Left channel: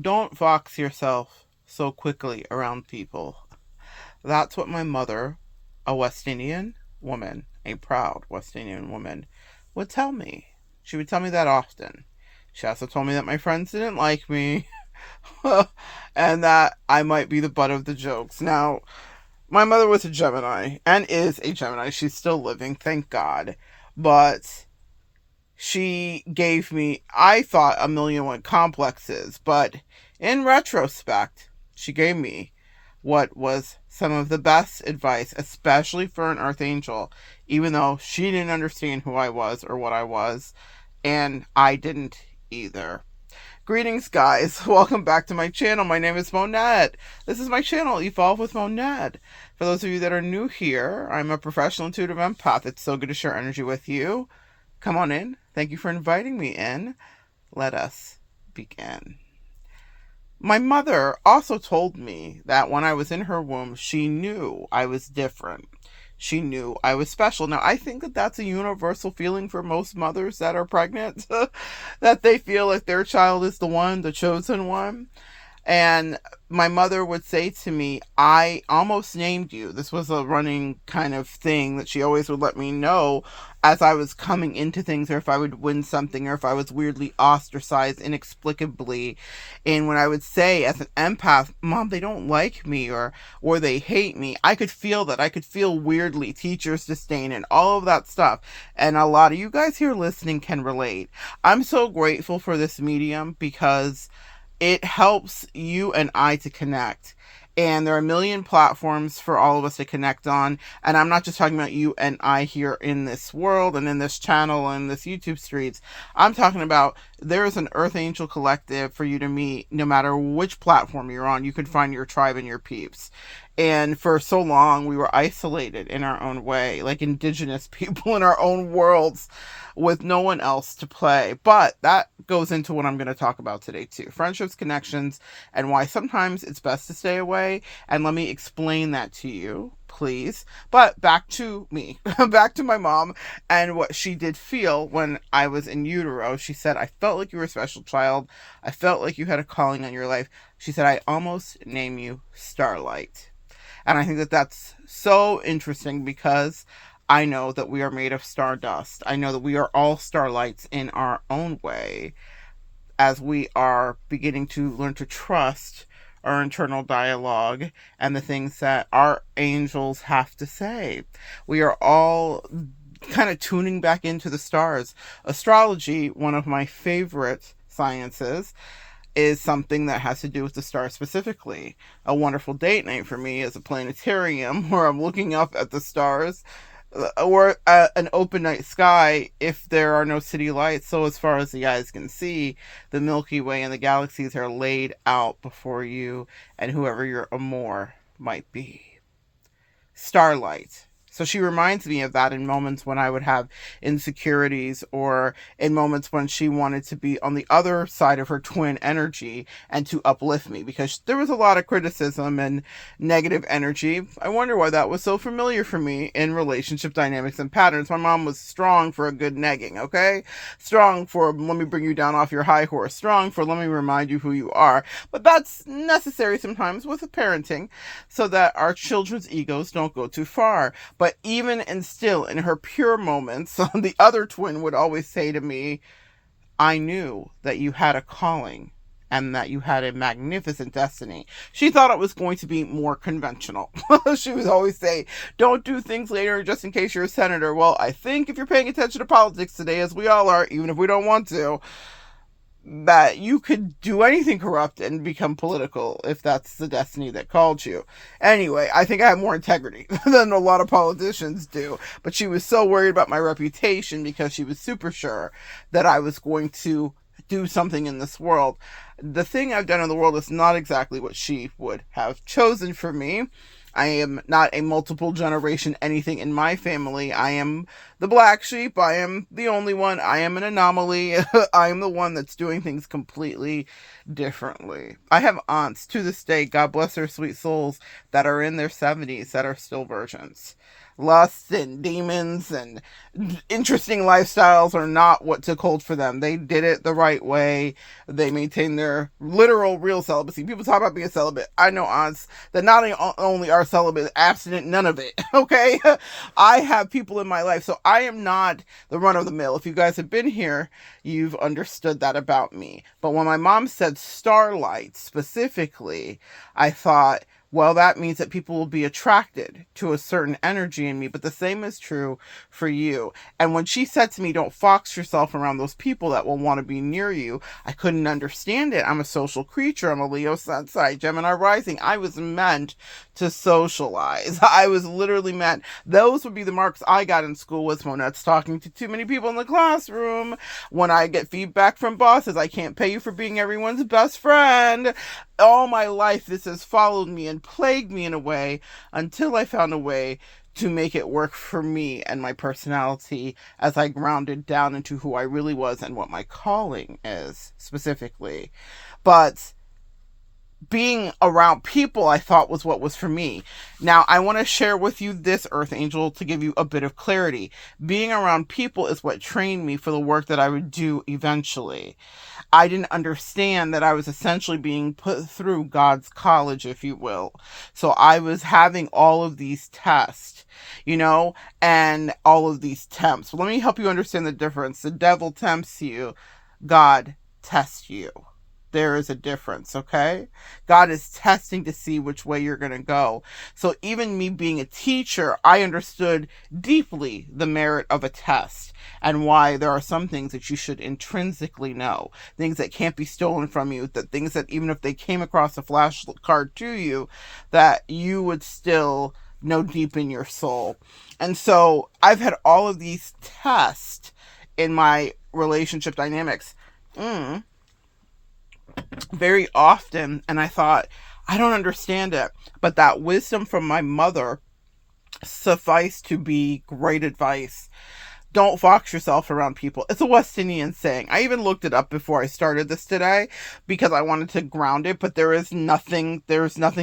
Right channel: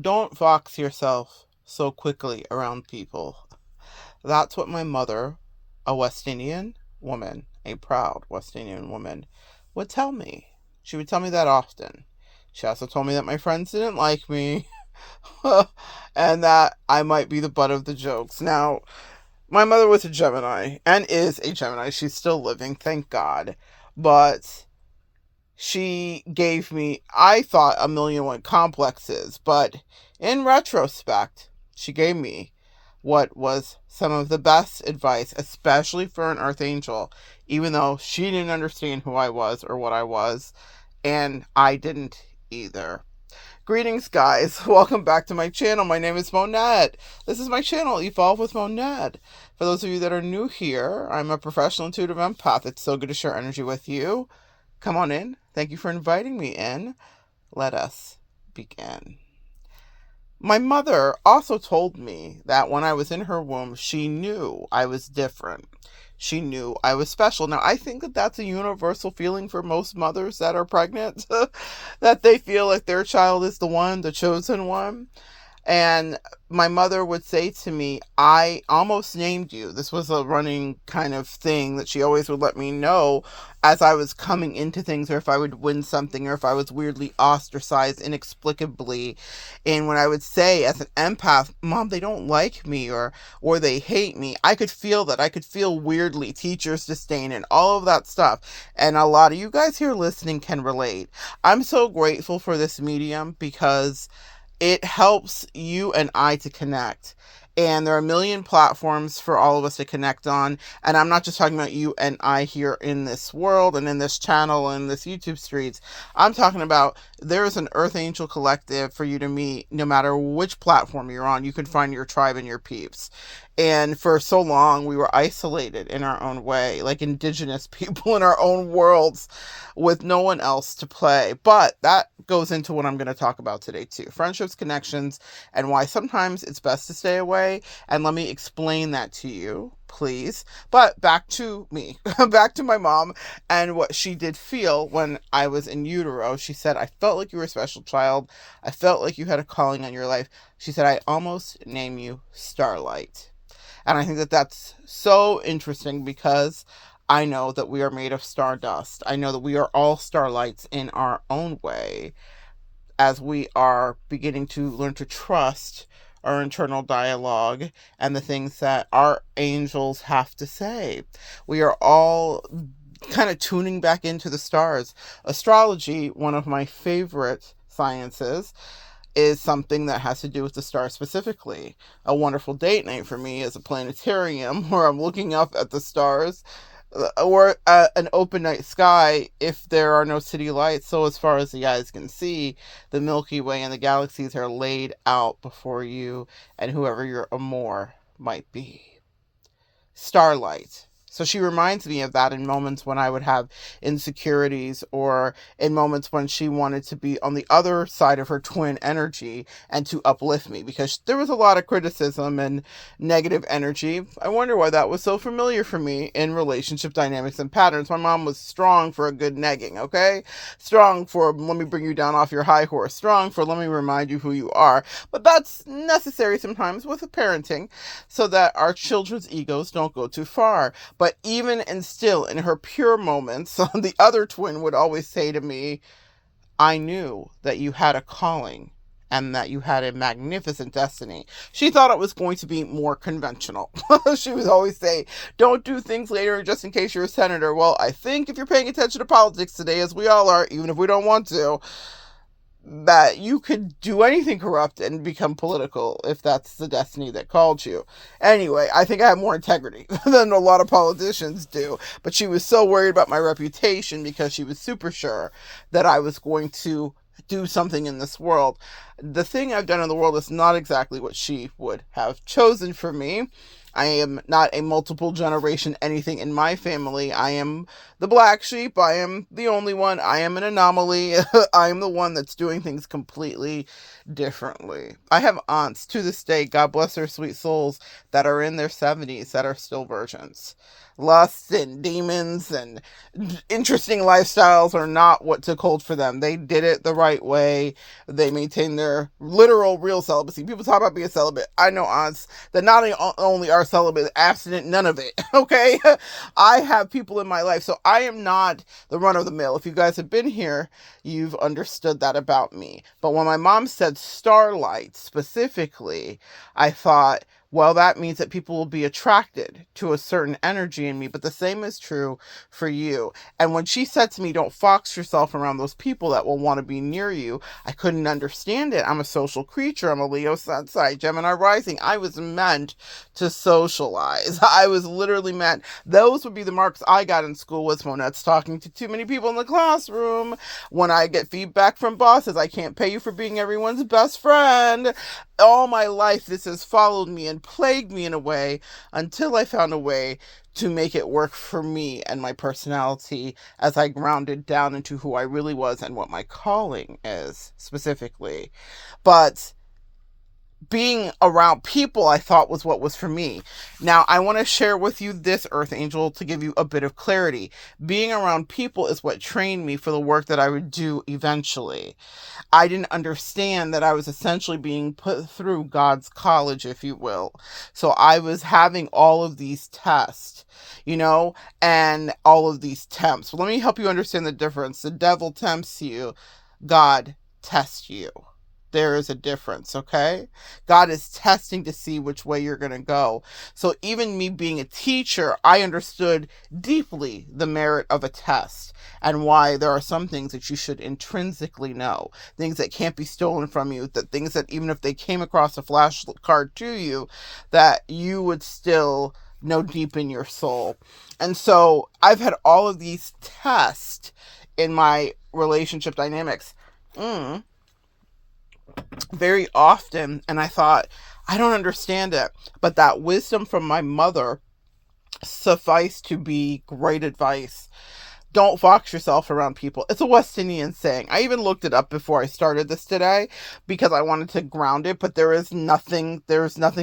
Don't fox yourself so quickly around people. That's what my mother, a West Indian woman, a proud West Indian woman, would tell me. She would tell me that often. She also told me that my friends didn't like me and that I might be the butt of the jokes. Now, my mother was a Gemini and is a Gemini. She's still living, thank God. But she gave me, I thought, a million and one complexes. But in retrospect, she gave me what was some of the best advice, especially for an Earth Angel, even though she didn't understand who I was or what I was, and I didn't either. Greetings, guys. Welcome back to my channel. My name is Monette. This is my channel, Evolve with Monette. For those of you that are new here, I'm a professional intuitive empath. It's so good to share energy with you. Come on in. Thank you for inviting me in. Let us begin. My mother also told me that when I was in her womb, she knew I was different. She knew I was special. Now, I think that that's a universal feeling for most mothers that are pregnant, that they feel like their child is the one, the chosen one. And my mother would say to me, I almost named you. This was a running kind of thing that she always would let me know as I was coming into things, or if I would win something, or if I was weirdly ostracized inexplicably. And when I would say as an empath, Mom, they don't like me, or they hate me, I could feel that. I could feel weirdly teachers' disdain and all of that stuff. And a lot of you guys here listening can relate. I'm so grateful for this medium because it helps you and I to connect. And there are a million platforms for all of us to connect on. And I'm not just talking about you and I here in this world and in this channel and this YouTube streets. I'm talking about there is an Earth Angel collective for you to meet no matter which platform you're on. You can find your tribe and your peeps. And for so long, we were isolated in our own way, like indigenous people in our own worlds with no one else to play. But that goes into what I'm going to talk about today too. Friendships, connections, and why sometimes it's best to stay away. And let me explain that to you, please. But back to me, back to my mom and what she did feel when I was in utero. She said, I felt like you were a special child. I felt like you had a calling on your life. She said, I almost name you Starlight. And I think that that's so interesting because I know that we are made of stardust. I know that we are all starlights in our own way as we are beginning to learn to trust our internal dialogue and the things that our angels have to say. We are all kind of tuning back into the stars. Astrology, one of my favorite sciences, is something that has to do with the stars specifically. A wonderful date night for me is a planetarium where I'm looking up at the stars, or an open night sky if there are no city lights. So as far as the eyes can see, the Milky Way and the galaxies are laid out before you and whoever your amour might be. Starlight. So she reminds me of that in moments when I would have insecurities, or in moments when she wanted to be on the other side of her twin energy and to uplift me, because there was a lot of criticism and negative energy. I wonder why that was so familiar for me in relationship dynamics and patterns. My mom was strong for a good negging, okay? Strong for let me bring you down off your high horse. Strong for let me remind you who you are. But that's necessary sometimes with parenting so that our children's egos don't go too far. But even and still, in her pure moments, the other twin would always say to me, I knew that you had a calling and that you had a magnificent destiny. She thought it was going to be more conventional. She would always say, don't do things later just in case you're a senator. Well, I think if you're paying attention to politics today, as we all are, even if we don't want to, that you could do anything corrupt and become political if that's the destiny that called you. Anyway, I think I have more integrity than a lot of politicians do. But she was so worried about my reputation because she was super sure that I was going to do something in this world. The thing I've done in the world is not exactly what she would have chosen for me. I am not a multiple generation anything in my family. I am the black sheep. I am the only one. I am an anomaly. I am the one that's doing things completely differently. I have aunts to this day, God bless their sweet souls, that are in their 70s that are still virgins. lusts and demons and interesting lifestyles are not what took hold for them. They did it the right way. They maintained their literal real celibacy. People talk about being celibate. I know aunts that not only are celibate, abstinent, none of it. Okay. I have people in my life, so I am not the run of the mill. If you guys have been here, you've understood that about me. But when my mom said starlight specifically, I thought, well, that means that people will be attracted to a certain energy in me. But the same is true for you. And when she said to me, don't fox yourself around those people that will want to be near you, I couldn't understand it. I'm a social creature. I'm a Leo Sun sign, Gemini rising. I was meant to socialize. I was literally meant. Those would be the marks I got in school with Monette's talking to too many people in the classroom. When I get feedback from bosses, I can't pay you for being everyone's best friend. All my life, this has followed me and plagued me in a way until I found a way to make it work for me and my personality as I grounded down into who I really was and what my calling is specifically. But being around people, I thought, was what was for me. Now, I want to share with you this, Earth Angel, to give you a bit of clarity. Being around people is what trained me for the work that I would do eventually. I didn't understand that I was essentially being put through God's college, if you will. So I was having all of these tests, and all of these tempts. Let me help you understand the difference. The devil tempts you. God tests you. There is a difference, okay? God is testing to see which way you're going to go. So even me being a teacher, I understood deeply the merit of a test and why there are some things that you should intrinsically know, things that can't be stolen from you, that things that even if they came across a flashcard to you, that you would still know deep in your soul. And so I've had all of these tests in my relationship dynamics. Very often, and I thought, I don't understand it, but that wisdom from my mother sufficed to be great advice. Don't fox yourself around people. It's a West Indian saying. I even looked it up before I started this today because I wanted to ground it, but there's nothing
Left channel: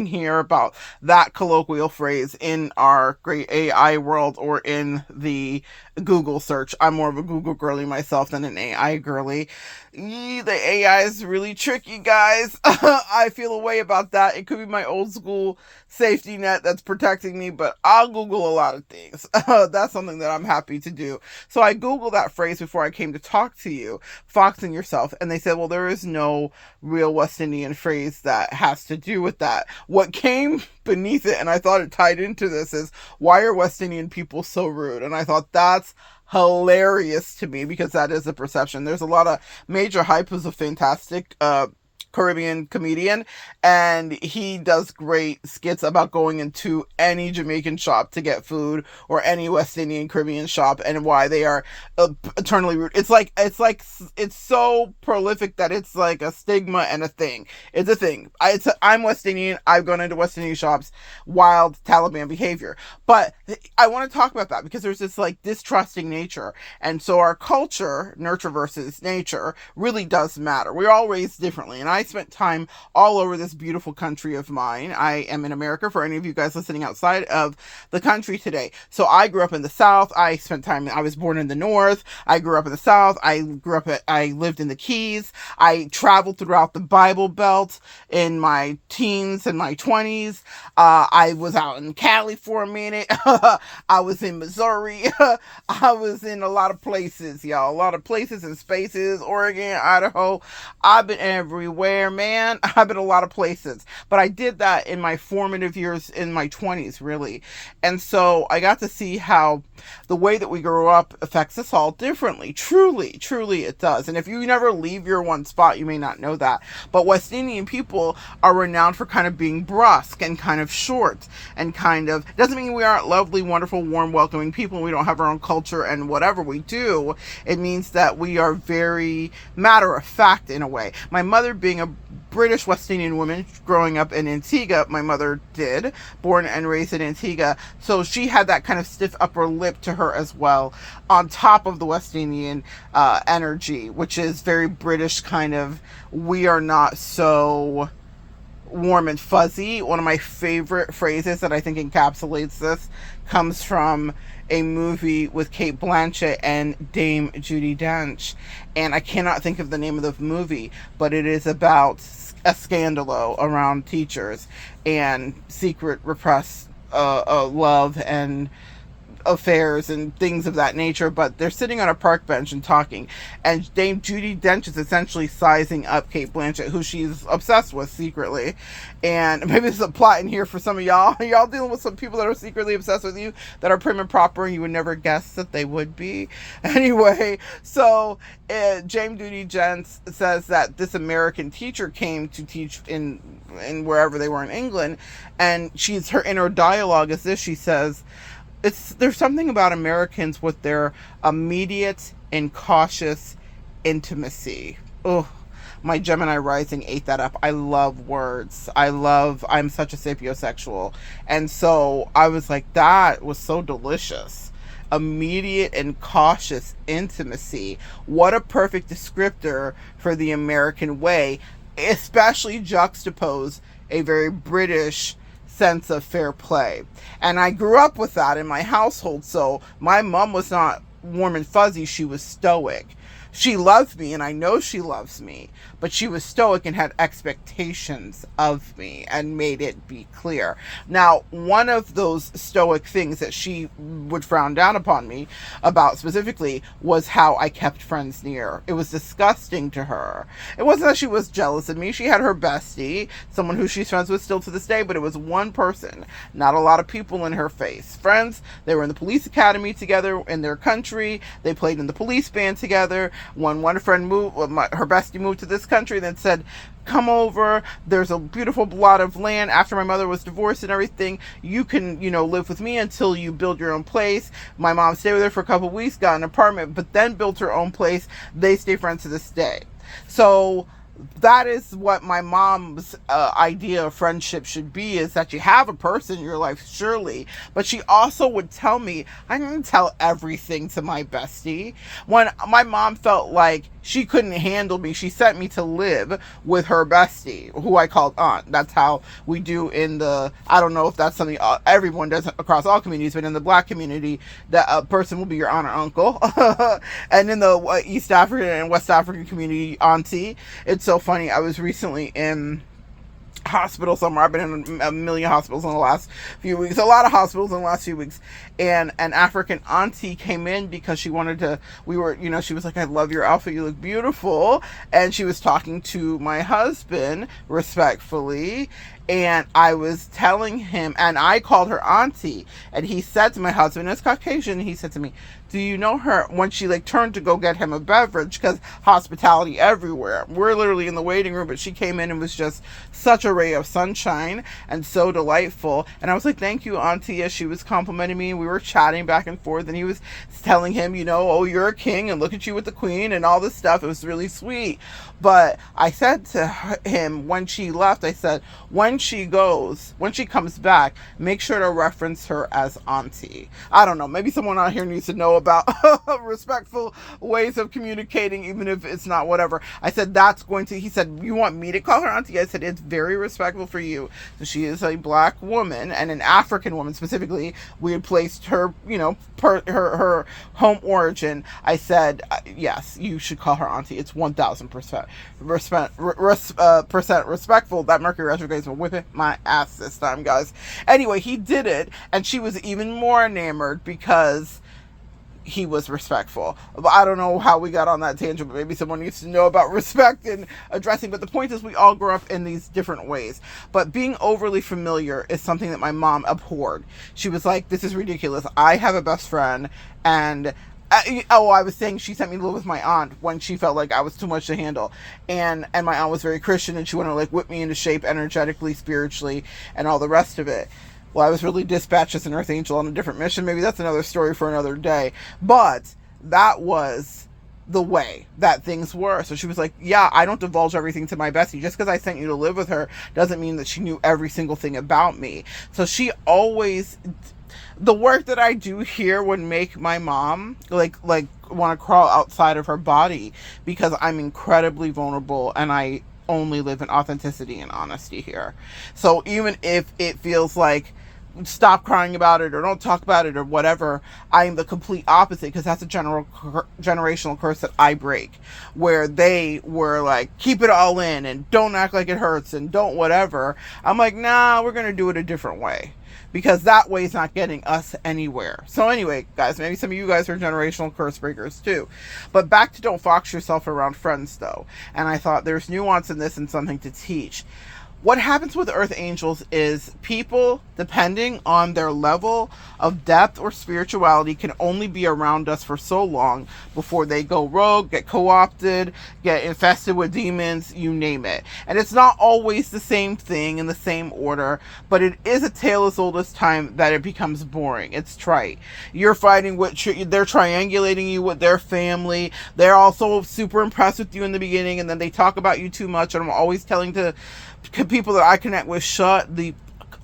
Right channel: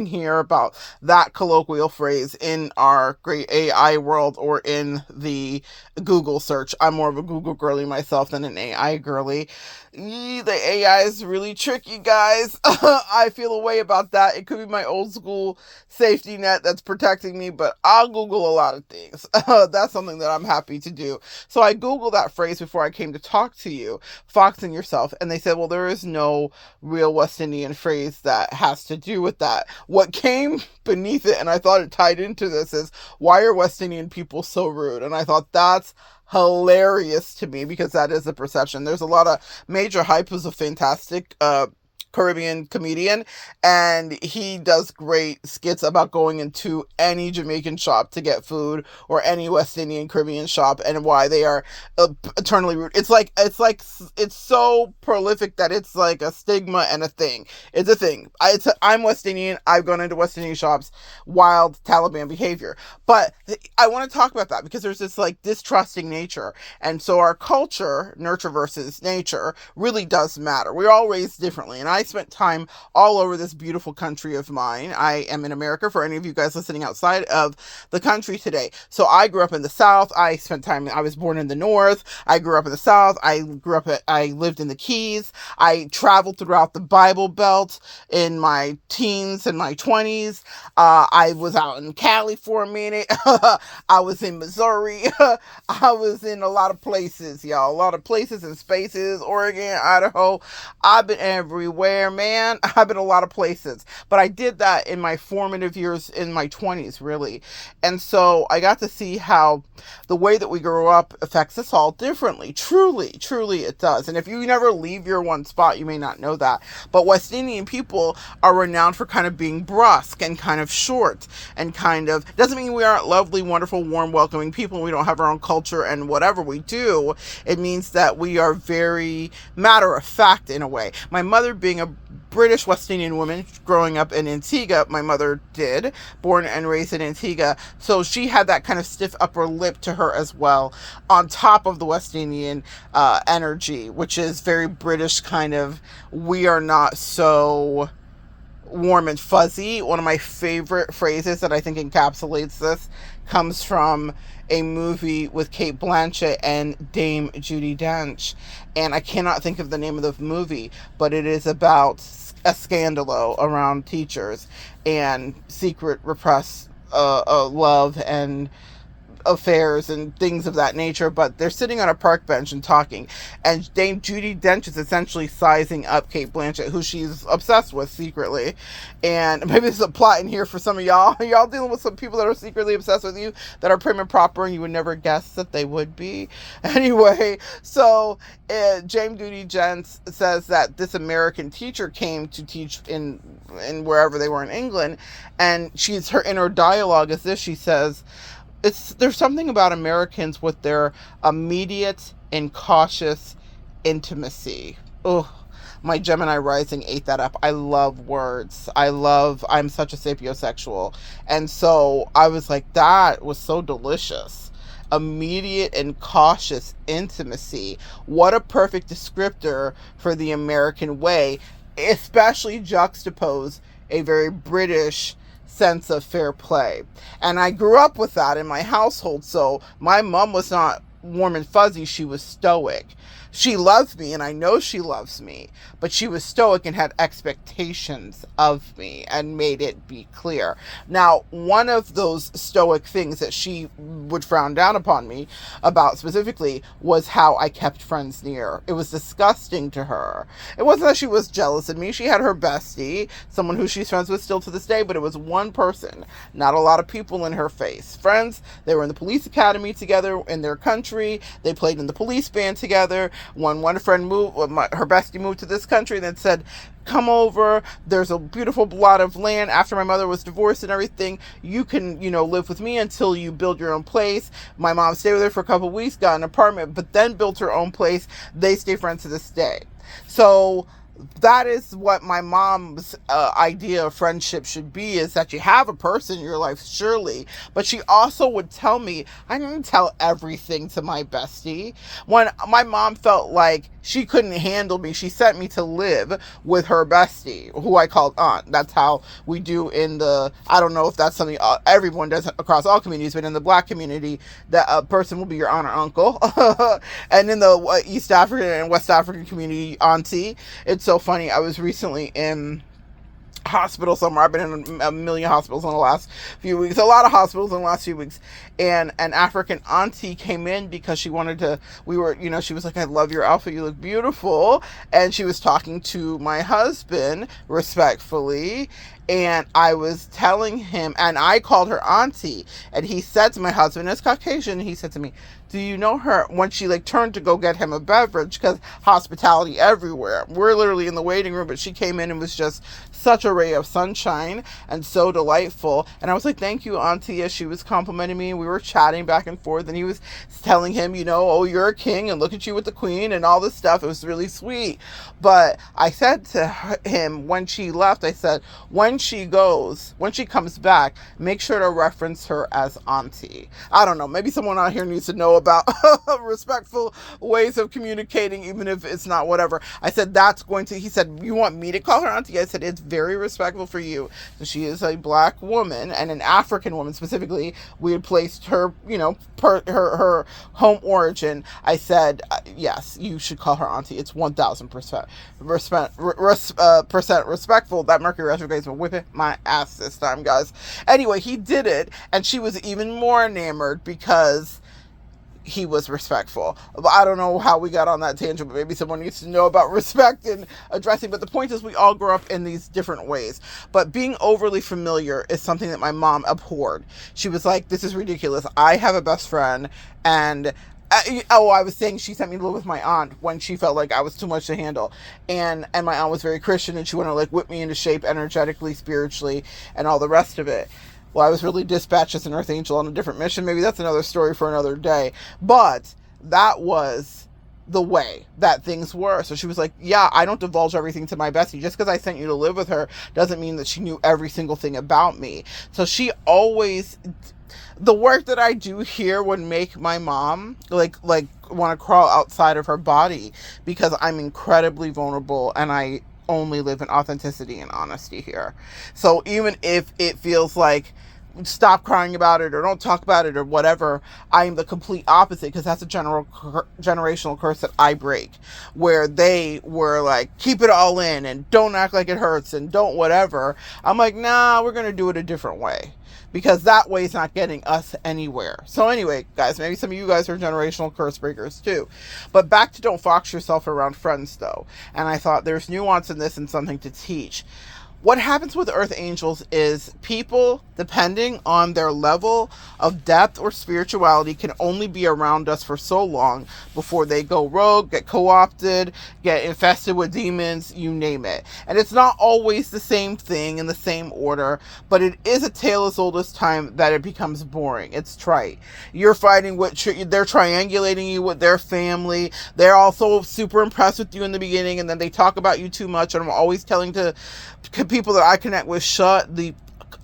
here about that colloquial phrase in our great AI world or in the Google search. I'm more of a Google girly myself than an AI girly. The AI is really tricky, guys. I feel a way about that. It could be my old school safety net that's protecting me, but I'll Google a lot of things. That's something that I'm happy to do. So I Googled that phrase before I came to talk to you, foxing yourself. And they said, well, there is no real West Indian phrase that has to do with that. What came beneath it, and I thought it tied into this, is why are West Indian people so rude? And I thought that's hilarious to me because that is a perception. There's a lot of Major Hype, who's a fantastic Caribbean comedian, and he does great skits about going into any Jamaican shop to get food or any West Indian Caribbean shop and why they are eternally rude. It's so prolific that it's like a stigma and a thing. It's a thing. I'm West Indian. I've gone into West Indian shops, wild Taliban behavior. But I want to talk about that because there's this like distrusting nature. And so our culture, nurture versus nature, really does matter. We're all raised differently. And I spent time all over this beautiful country of mine. I am in America for any of you guys listening outside of the country today. So I grew up in the South. I was born in the North. I grew up in the South. I lived in the Keys. I traveled throughout the Bible Belt in my teens and my 20s. I was out in Cali for a minute. I was in Missouri. I was in a lot of places, y'all. A lot of places and spaces. Oregon, Idaho. I've been everywhere, man. I've been a lot of places. But I did that in my formative years in my 20s, really. And so I got to see how the way that we grow up affects us all differently. Truly it does. And if you never leave your one spot, you may not know that. But West Indian people are renowned for kind of being brusque and kind of short and kind of, doesn't mean we aren't lovely, wonderful, warm, welcoming people and we don't have our own culture and whatever we do. It means that we are very matter of fact in a way. My mother being a British West Indian woman growing up in Antigua, my mother did, born and raised in Antigua, so she had that kind of stiff upper lip to her as well, on top of the West Indian energy, which is very British kind of, we are not so warm and fuzzy. One of my favorite phrases that I think encapsulates this comes from a movie with Kate Blanchett and Dame Judi Dench. And I cannot think of the name of the movie, but it is about a scandalo around teachers and secret repressed love and affairs and things of that nature, but they're sitting on a park bench and talking, and Dame Judi Dench is essentially sizing up Kate Blanchett, who she's obsessed with secretly. And maybe there's a plot in here for some of y'all. Y'all dealing with some people that are secretly obsessed with you, that are prim and proper, and you would never guess that they would be. Anyway, so Dame Judi Dench says that this American teacher came to teach in wherever they were in England, and her inner dialogue is this. She says, there's something about Americans with their immediate and cautious intimacy. Oh, my Gemini rising ate that up. I love words. I'm such a sapiosexual. And so I was like, that was so delicious. Immediate and cautious intimacy. What a perfect descriptor for the American way, especially juxtapose a very British sense of fair play. And I grew up with that in my household. So my mom was not warm and fuzzy. She was stoic. She loves me, and I know she loves me, but she was stoic and had expectations of me and made it be clear. Now, one of those stoic things that she would frown down upon me about specifically was how I kept friends near. It was disgusting to her. It wasn't that she was jealous of me. She had her bestie, someone who she's friends with still to this day, but it was one person, not a lot of people in her face. Friends, they were in the police academy together in their country. They played in the police band together. When one friend moved, her bestie moved to this country, and then said, come over, there's a beautiful lot of land after my mother was divorced and everything, you can live with me until you build your own place. My mom stayed with her for a couple of weeks, got an apartment, but then built her own place. They stay friends to this day. So that is what my mom's idea of friendship should be, is that you have a person in your life, surely, but she also would tell me, I didn't tell everything to my bestie. When my mom felt like she couldn't handle me, she sent me to live with her bestie, who I called aunt. That's how we do in the, I don't know if that's something everyone does across all communities, but in the Black community, that a person will be your aunt or uncle. And in the East African and West African community, auntie. It's so funny. I was recently in hospital somewhere. I've been in a million hospitals in the last few weeks, a lot of hospitals in the last few weeks, and an African auntie came in because she wanted to, she was like, I love your outfit, you look beautiful, and she was talking to my husband respectfully, and I was telling him, and I called her auntie, and he said to my husband, it's Caucasian, and he said to me, do you know her? When she turned to go get him a beverage, because hospitality everywhere. We're literally in the waiting room, but she came in and was just such a ray of sunshine and so delightful. And I was like, thank you, auntie, as she was complimenting me. And we were chatting back and forth, and he was telling him, oh, you're a king, and look at you with the queen and all this stuff. It was really sweet. But I said to him when she left, I said, when she comes back, make sure to reference her as auntie. I don't know, maybe someone out here needs to know about respectful ways of communicating, even if it's not whatever. I said, he said, you want me to call her auntie? I said, it's very respectful for you. She is a Black woman, and an African woman specifically. We had placed her, her home origin. I said, yes, you should call her auntie. It's 1000% percent respectful. That Mercury retrograde is whipping my ass this time, guys. Anyway, he did it, and she was even more enamored because he was respectful. I don't know how we got on that tangent, but maybe someone needs to know about respect and addressing. But the point is, we all grow up in these different ways. But being overly familiar is something that my mom abhorred. She was like, this is ridiculous. I have a best friend, and I was saying she sent me to live with my aunt when she felt like I was too much to handle. And my aunt was very Christian, and she wanted to whip me into shape energetically, spiritually, and all the rest of it. Well, I was really dispatched as an earth angel on a different mission. Maybe that's another story for another day. But that was the way that things were. So she was like, yeah, I don't divulge everything to my bestie. Just because I sent you to live with her doesn't mean that she knew every single thing about me. So she always... The work that I do here would make my mom want to crawl outside of her body, because I'm incredibly vulnerable, and I only live in authenticity and honesty here. So even if it feels like stop crying about it or don't talk about it or whatever, I'm the complete opposite, because that's a generational curse that I break, where they were like, keep it all in and don't act like it hurts and don't whatever. I'm like, nah, we're going to do it a different way, because that way is not getting us anywhere. So anyway, guys, maybe some of you guys are generational curse breakers too. But back to don't fox yourself around friends though. And I thought there's nuance in this and something to teach. What happens with earth angels is people, depending on their level of depth or spirituality, can only be around us for so long before they go rogue, get co-opted, get infested with demons, you name it. And it's not always the same thing in the same order, but it is a tale as old as time that it becomes boring. It's trite. You're fighting with, they're triangulating you with their family. They're also super impressed with you in the beginning, and then they talk about you too much. And I'm always telling to people that I connect with, shut the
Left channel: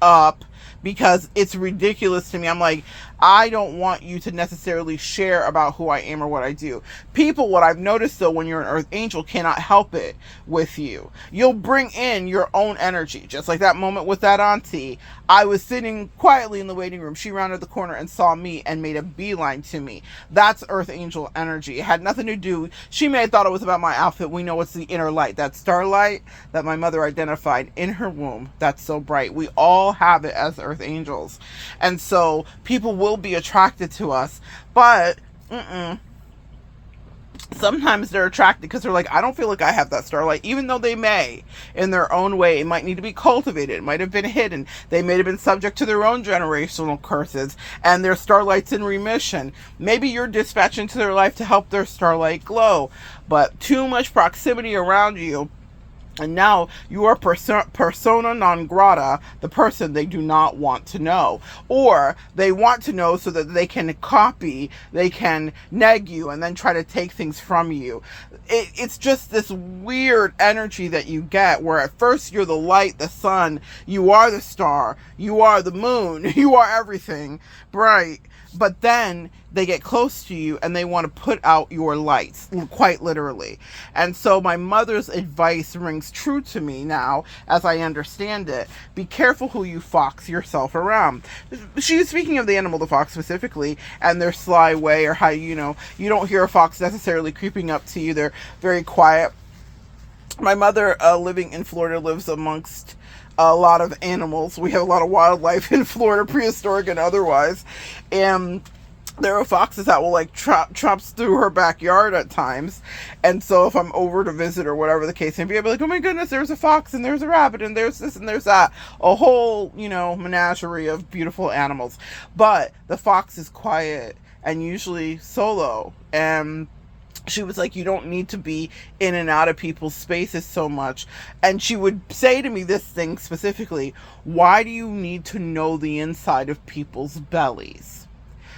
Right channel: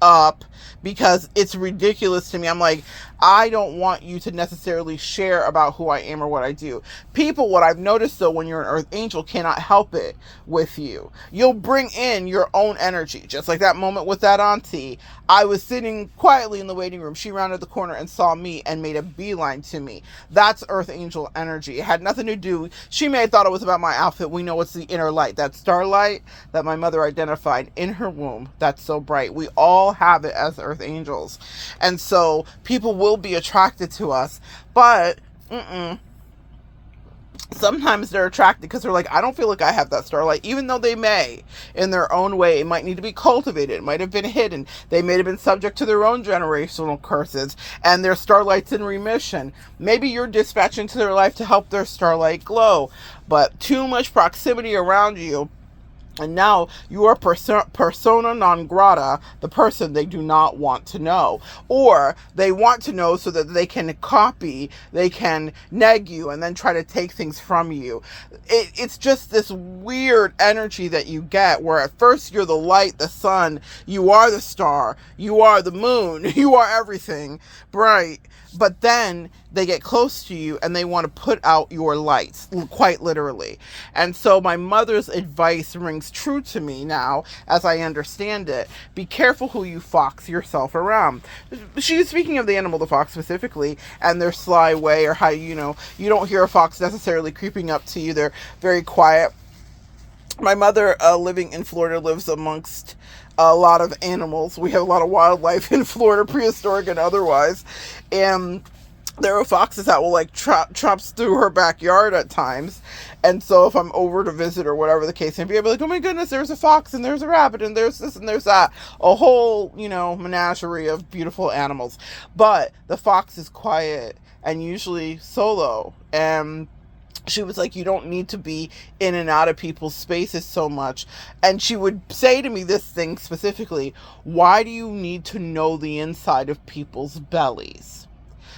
up, because it's ridiculous to me. I'm like, I don't want you to necessarily share about who I am or what I do. People, what I've noticed though, when you're an earth angel, cannot help it with you. You'll bring in your own energy, just like that moment with that auntie. I was sitting quietly in the waiting room. She rounded the corner and saw me and made a beeline to me. That's earth angel energy. It had nothing to do. She may have thought it was about my outfit. We know it's the inner light, that starlight that my mother identified in her womb. That's so bright. We all have it as earth angels. And so people will be attracted to us, but sometimes they're attracted because they're like, I don't feel like I have that starlight, even though they may in their own way. It might need to be cultivated. It might have been hidden. They may have been subject to their own generational curses, and their starlight's in remission. Maybe you're dispatched into their life to help their starlight glow, but too much proximity around you, and now you are persona non grata, the person they do not want to know. Or they want to know so that they can copy, they can neg you, and then try to take things from you. It's just this weird energy that you get, where at first you're the light, the sun, you are the star, you are the moon, you are everything bright. But then they get close to you and they want to put out your lights, quite literally. And so my mother's advice rings true to me now, as I understand it. Be careful who you fox yourself around. She's speaking of the animal, the fox specifically, and their sly way, or how, you don't hear a fox necessarily creeping up to you. They're very quiet. My mother, living in Florida, lives amongst a lot of animals. We have a lot of wildlife in Florida, prehistoric and otherwise. And there are foxes that will like trops through her backyard at times. And so if I'm over to visit or whatever the case may be, I'll be like, oh my goodness, there's a fox and there's a rabbit and there's this and there's that. A whole, menagerie of beautiful animals. But the fox is quiet and usually solo. And she was like, you don't need to be in and out of people's spaces so much. And she would say to me this thing specifically: why do you need to know the inside of people's bellies?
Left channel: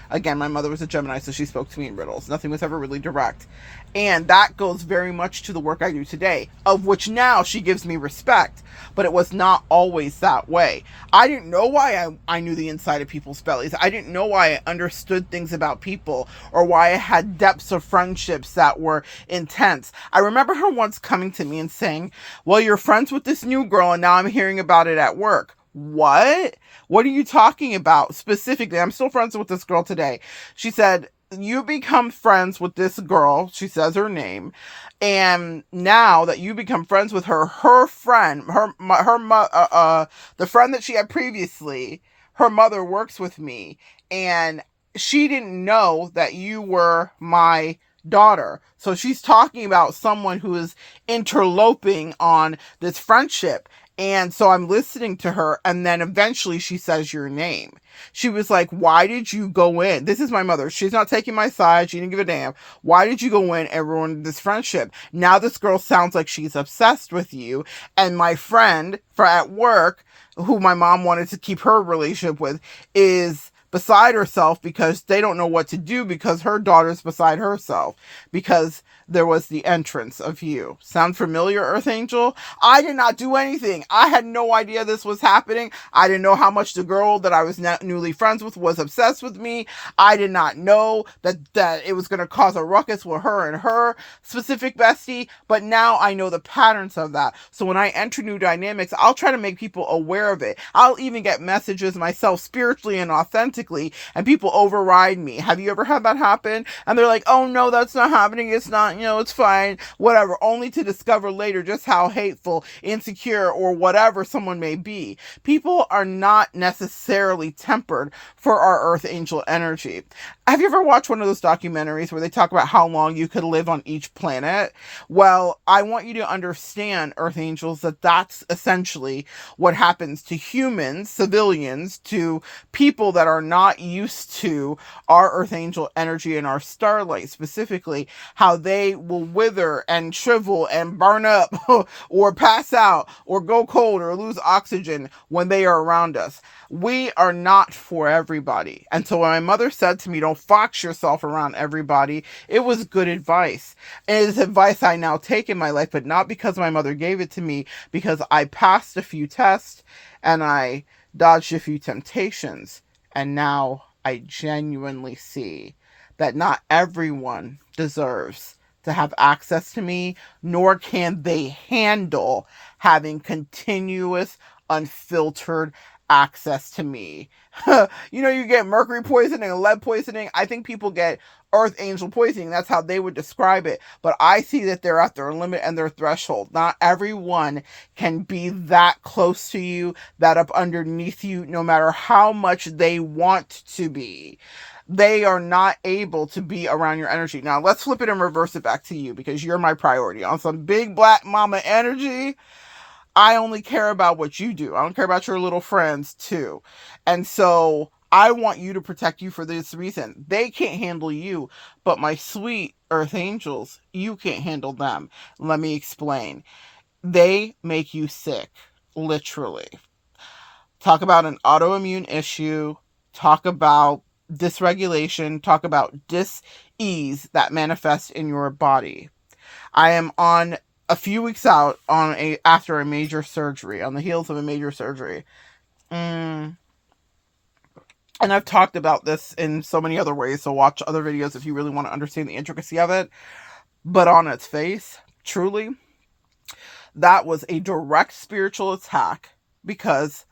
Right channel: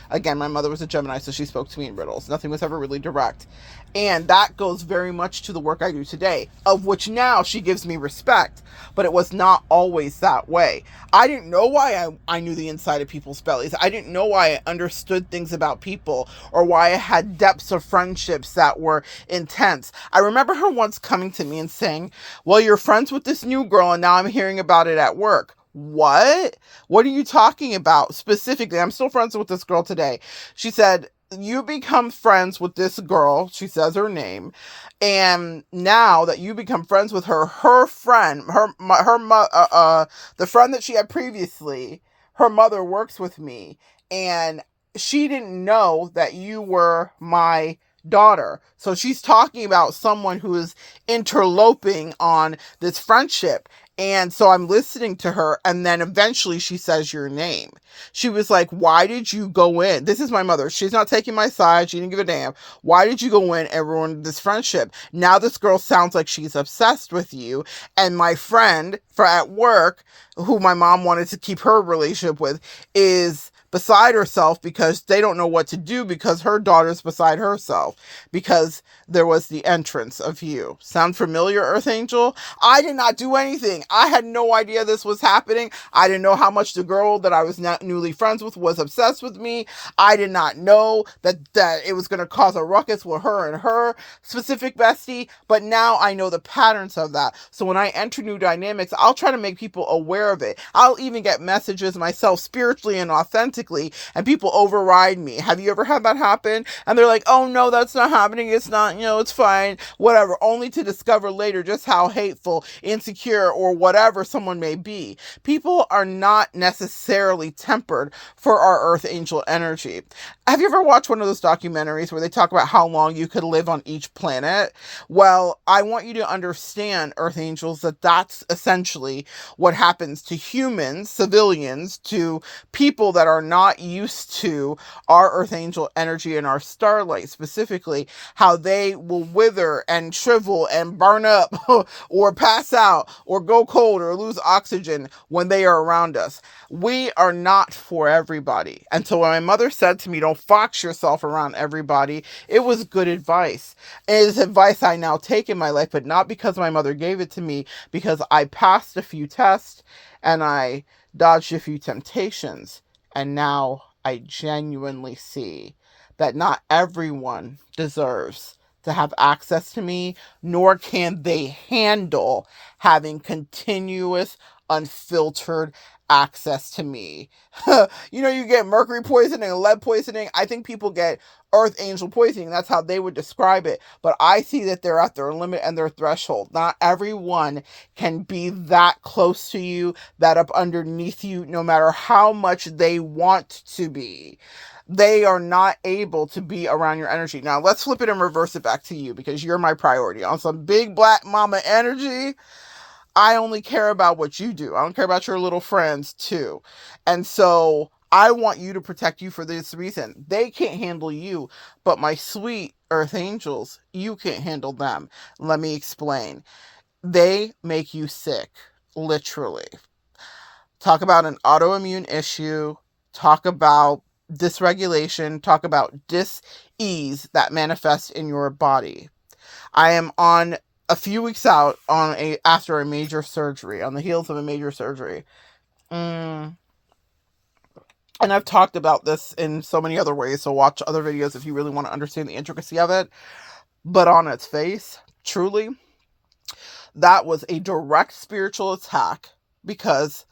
Again, my mother was a Gemini, so she spoke to me in riddles. Nothing was ever really direct. And that goes very much to the work I do today, of which now she gives me respect. But it was not always that way. I didn't know why I knew the inside of people's bellies. I didn't know why I understood things about people, or why I had depths of friendships that were intense. I remember her once coming to me and saying, well, you're friends with this new girl, and now I'm hearing about it at work. What? What are you talking about specifically? I'm still friends with this girl today. She said, you become friends with this girl. She says her name. And now that you become friends with her, her friend, the friend that she had previously, her mother works with me. And she didn't know that you were my daughter. So she's talking about someone who is interloping on this friendship. And so I'm listening to her, and then eventually she says your name. She was like, why did you go in? This is my mother. She's not taking my side. She didn't give a damn. Why did you go in and ruin this friendship? Now this girl sounds like she's obsessed with you. And my friend at work, who my mom wanted to keep her relationship with, is beside herself because they don't know what to do because her daughter's beside herself because there was the entrance of you. Sound familiar, Earth Angel? I did not do anything. I had no idea this was happening. I didn't know how much the girl that I was newly friends with was obsessed with me. I did not know that it was going to cause a ruckus with her and her specific bestie, but now I know the patterns of that. So when I enter new dynamics, I'll try to make people aware of it. I'll even get messages myself spiritually and authentically, and people override me. Have you ever had that happen? And they're like, oh no, that's not happening. It's not, it's fine, whatever, only to discover later just how hateful, insecure, or whatever someone may be. People are not necessarily tempered for our Earth Angel energy. Have you ever watched one of those documentaries where they talk about how long you could live on each planet? Well, I want you to understand, Earth Angels, that that's essentially what happens to humans, civilians, to people that are not used to our Earth Angel energy and our starlight specifically, how they will wither and shrivel and burn up or pass out or go cold or lose oxygen when they are around us. We are not for everybody. And so when my mother said to me, don't fox yourself around everybody, it was good advice. It is advice I now take in my life, but not because my mother gave it to me, because I passed a few tests and I dodged a few temptations. And now I genuinely see that not everyone deserves to have access to me, nor can they handle having continuous, unfiltered access to me. You get mercury poisoning and lead poisoning. I think people get Earth Angel poisoning. That's how they would describe it. But I see that they're at their limit and their threshold. Not everyone can be that close to you, that up underneath you, no matter how much they want to be. They are not able to be around your energy. Now, let's flip it and reverse it back to you, because you're my priority. On some big black mama energy, I only care about what you do. I don't care about your little friends too. And so I want you to protect you for this reason. They can't handle you, but my sweet Earth Angels, you can't handle them. Let me explain. They make you sick, literally. Talk about an autoimmune issue. Talk about dysregulation. Talk about dis-ease that manifests in your body. I am on a few weeks out after a major surgery, on the heels of a major surgery. And I've talked about this in so many other ways, so watch other videos if you really want to understand the intricacy of it. But on its face, truly, that was a direct spiritual attack, because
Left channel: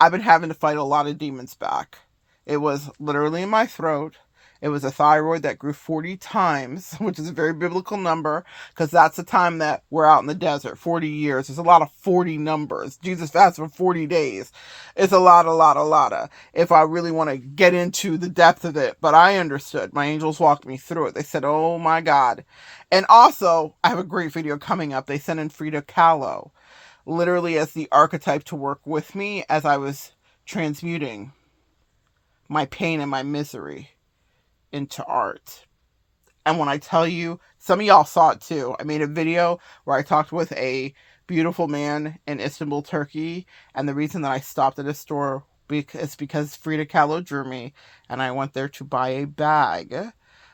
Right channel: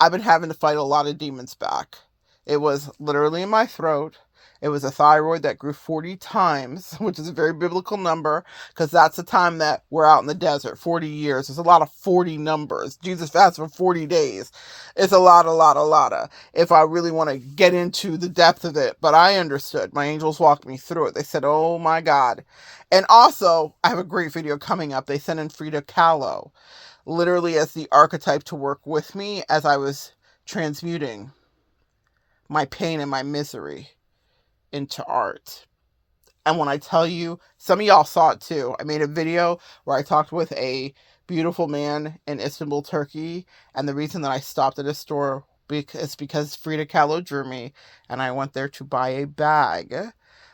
I've been having to fight a lot of demons back. It was literally in my throat. It was a thyroid that grew 40 times, which is a very biblical number, because that's the time that we're out in the desert, 40 years. There's a lot of 40 numbers. Jesus fasted for 40 days. It's a lot of, if I really want to get into the depth of it. But I understood. My angels walked me through it. They said, oh my God. And also, I have a great video coming up. They sent in Frida Kahlo, literally as the archetype to work with me as I was transmuting my pain and my misery into art. And when I tell you, some of y'all saw it too. I made a video where I talked with a beautiful man in Istanbul, Turkey, and the reason that I stopped at a store is because Frida Kahlo drew me, and I went there to buy a bag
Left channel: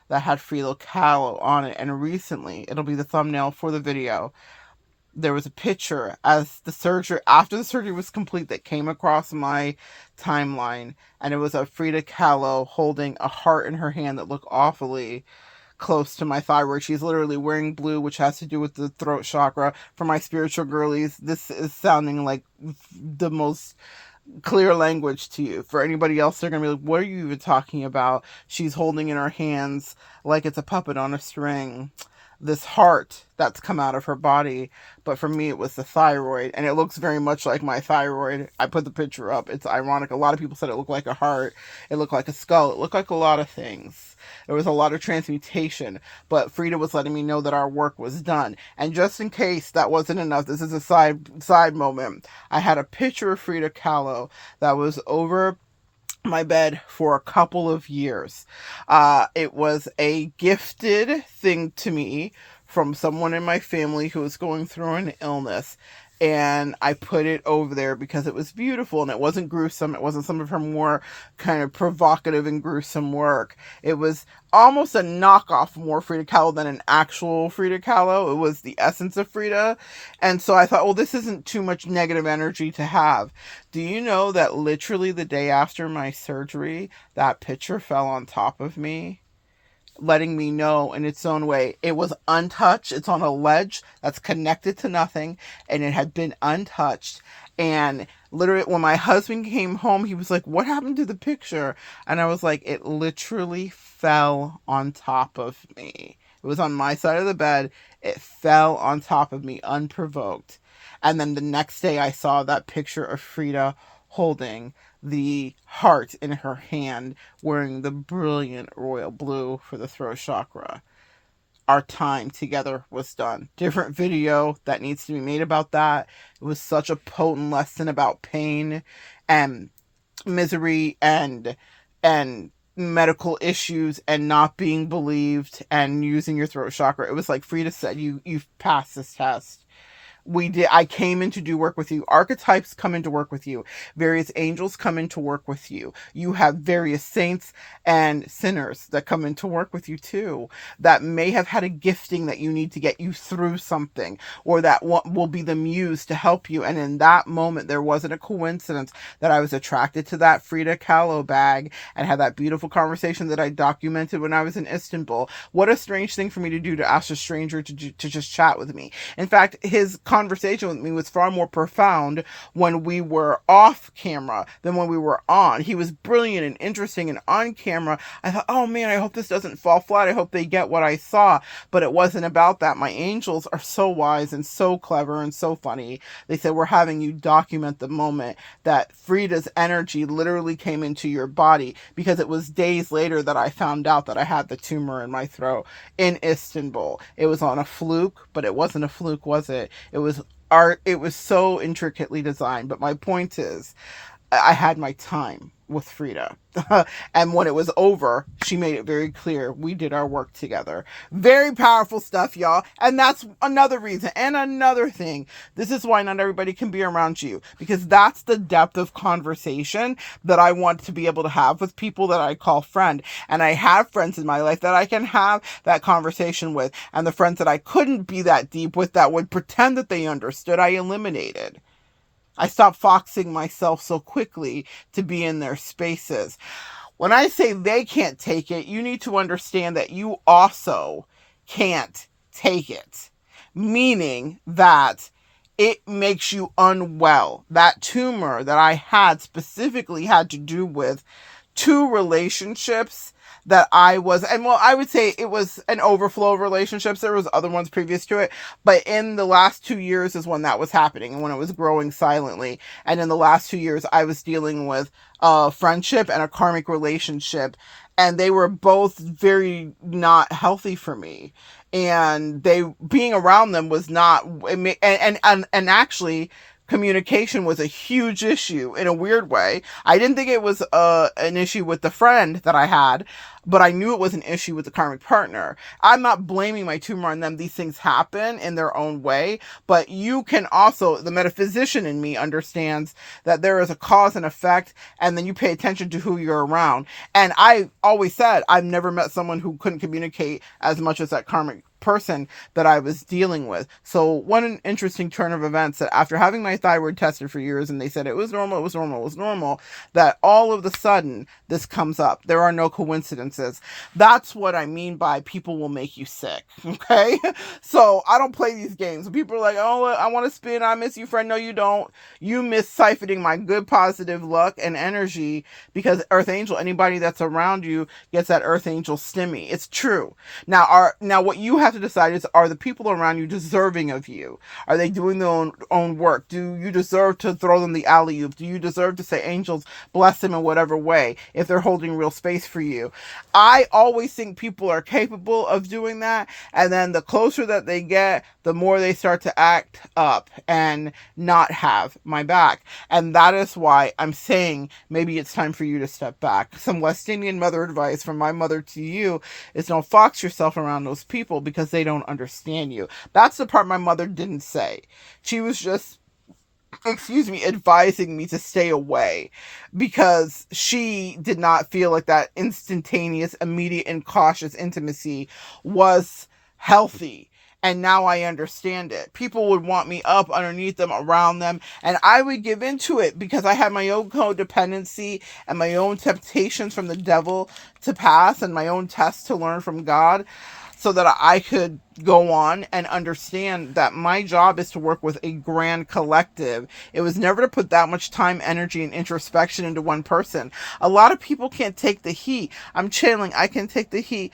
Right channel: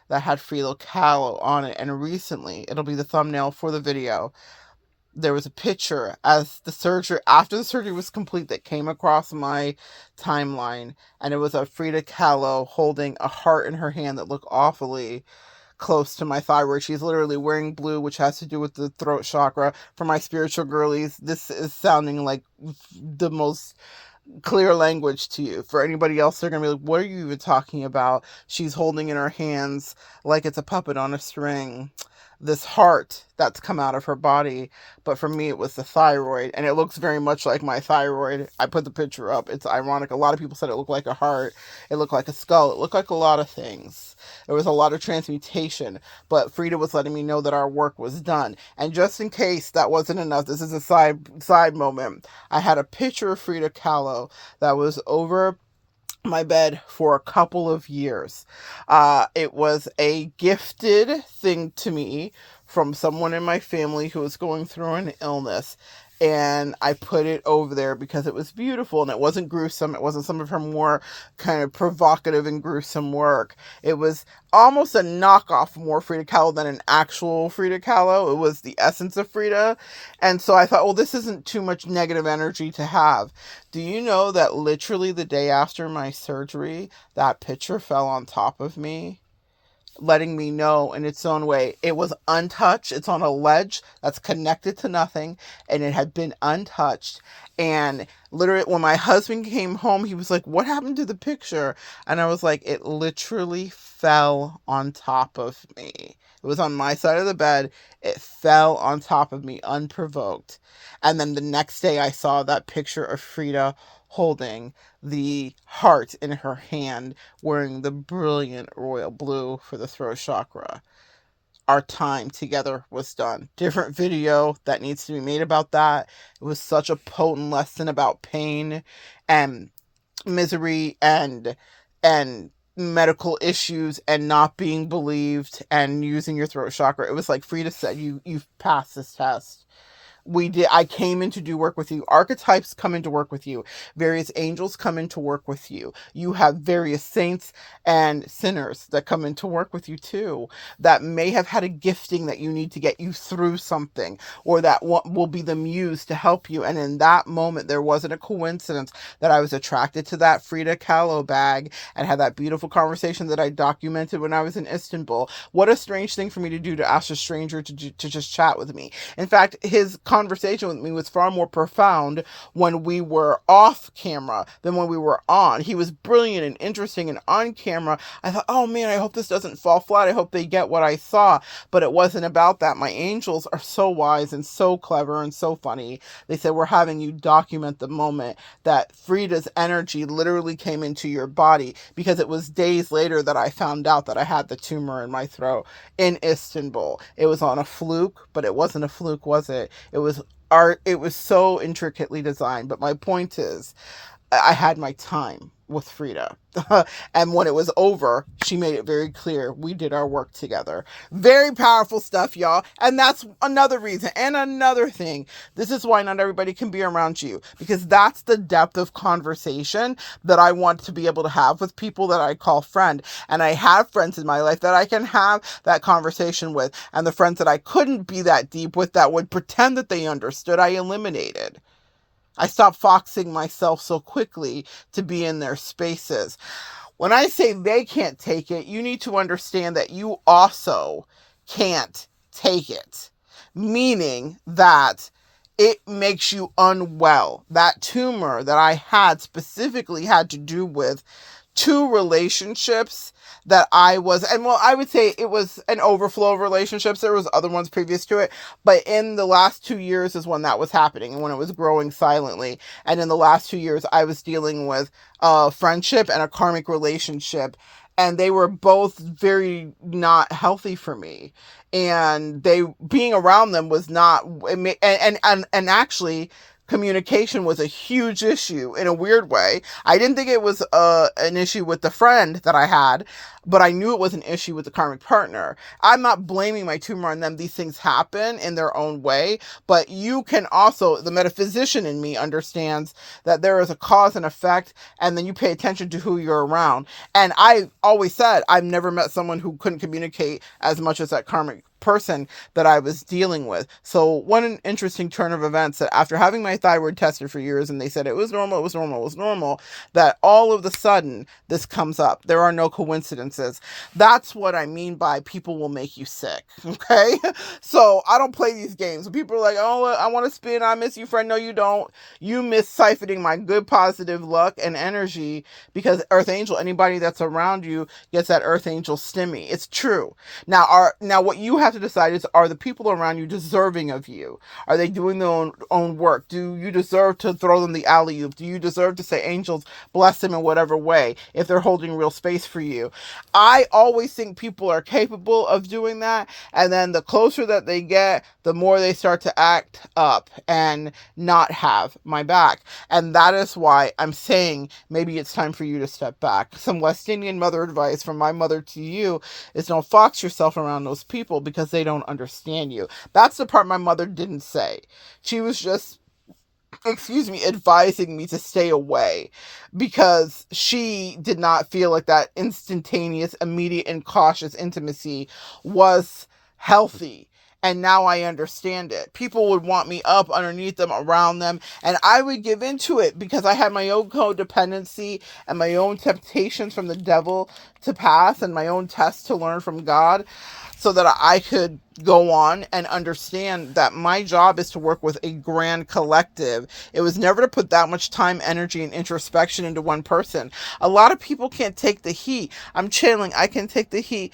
that had Frida Kahlo on it. And recently, it'll be the thumbnail for the video, there was a picture after the surgery was complete, that came across my timeline, and it was a Frida Kahlo holding a heart in her hand that looked awfully close to my thyroid. She's literally wearing blue, which has to do with the throat chakra. For my spiritual girlies, this is sounding like the most clear language to you. For anybody else, they're gonna be like, what are you even talking about? She's holding in her hands, like it's a puppet on a string, this heart that's come out of her body. But for me, it was the thyroid, and it looks very much like my thyroid. I put the picture up. It's ironic. A lot of people said it looked like a heart. It looked like a skull. It looked like a lot of things. There was a lot of transmutation, but Frida was letting me know that our work was done. And just in case that wasn't enough, this is a side moment. I had a picture of Frida Kahlo that was over my bed for a couple of years. It was a gifted thing to me from someone in my family who was going through an illness. and I put it over there because it was beautiful and it wasn't gruesome. It wasn't some of her more kind of provocative and gruesome work. It was almost a knockoff more Frida Kahlo than an actual Frida Kahlo. It was the essence of Frida. And so I thought, well, this isn't too much negative energy to have. Do you know that literally the day after my surgery, that picture fell on top of me? Letting me know in its own way it was untouched. It's on a ledge that's connected to nothing, and it had been untouched. And literally, when my husband came home, he was like, "What happened to the picture?" And I was like, "It literally fell on top of me. It was on my side of the bed. It fell on top of me unprovoked." And then the next day, I saw that picture of Frida holding the heart in her hand, wearing the brilliant royal blue for the throat chakra. Our time together was done. Different video that needs to be made about that. It was such a potent lesson about pain and misery and medical issues and not being believed and using your throat chakra. It was like Frida said, you've passed this test. I came in to do work with you. Archetypes come in to work with you. Various angels come in to work with you. You have various saints and sinners that come in to work with you too, that may have had a gifting that you need to get you through something, or that will be the muse to help you. And in that moment, there wasn't a coincidence that I was attracted to that Frida Kahlo bag and had that beautiful conversation that I documented when I was in Istanbul. What a strange thing for me to do, to ask a stranger to just chat with me. In fact, his conversation with me was far more profound when we were off camera than when we were on. He was brilliant and interesting, and on camera, I thought, oh man, I hope this doesn't fall flat. I hope they get what I saw. But it wasn't about that. My angels are so wise and so clever and so funny. They said, we're having you document the moment that Frida's energy literally came into your body, because it was days later that I found out that I had the tumor in my throat in Istanbul. It was on a fluke, but it wasn't a fluke, was it? It was art. It was so intricately designed. But my point is, I had my time with Frida. And when it was over, she made it very clear we did our work together. Very powerful stuff, y'all. And that's another reason. And another thing, this is why not everybody can be around you, because that's the depth of conversation that I want to be able to have with people that I call friend. And I have friends in my life that I can have that conversation with. And the friends that I couldn't be that deep with, that would pretend that they understood, I eliminated. I stopped foxing myself so quickly to be in their spaces. When I say they can't take it, you need to understand that you also can't take it. Meaning that it makes you unwell. That tumor that I had specifically had to do with 2 relationships that I was, and well, I would say it was an overflow of relationships. There was other ones previous to it, but in the last 2 years is when that was happening, and when it was growing silently. And in the last 2 years, I was dealing with a friendship and a karmic relationship, and they were both very not healthy for me. And being around them was not, and actually, communication was a huge issue in a weird way. I didn't think it was an issue with the friend that I had, but I knew it was an issue with the karmic partner. I'm not blaming my tumor on them. These things happen in their own way, but you can also, the metaphysician in me understands that there is a cause and effect, and then you pay attention to who you're around. And I always said, I've never met someone who couldn't communicate as much as that karmic person that I was dealing with. So one interesting turn of events, that after having my thyroid tested for years, and they said it was normal, that all of a sudden this comes up. There are no coincidences. That's what I mean by people will make you sick. Okay. So I don't play these games. When people are like, oh, I want to spin, I miss you, friend. No, you don't. You miss siphoning my good positive luck and energy, because Earth Angel, anybody that's around you gets that Earth Angel stimmy. It's true. Now what you have to decide is, are the people around you deserving of you? Are they doing their own work? Do you deserve to throw them the alley-oop? Do you deserve to say, angels, bless them in whatever way, if they're holding real space for you? I always think people are capable of doing that, and then the closer that they get, the more they start to act up and not have my back. And that is why I'm saying maybe it's time for you to step back. Some West Indian mother advice from my mother to you is, don't fox yourself around those people, because they don't understand you. That's the part my mother didn't say. She was just advising me to stay away because she did not feel like that instantaneous, immediate, and cautious intimacy was healthy. And now I understand it. People would want me up underneath them, around them, and I would give into it because I had my own codependency and my own temptations from the devil to pass and my own tests to learn from God, so that I could go on and understand that my job is to work with a grand collective. It was never to put that much time, energy, and introspection into one person. A lot of people can't take the heat. I'm channeling. I can take the heat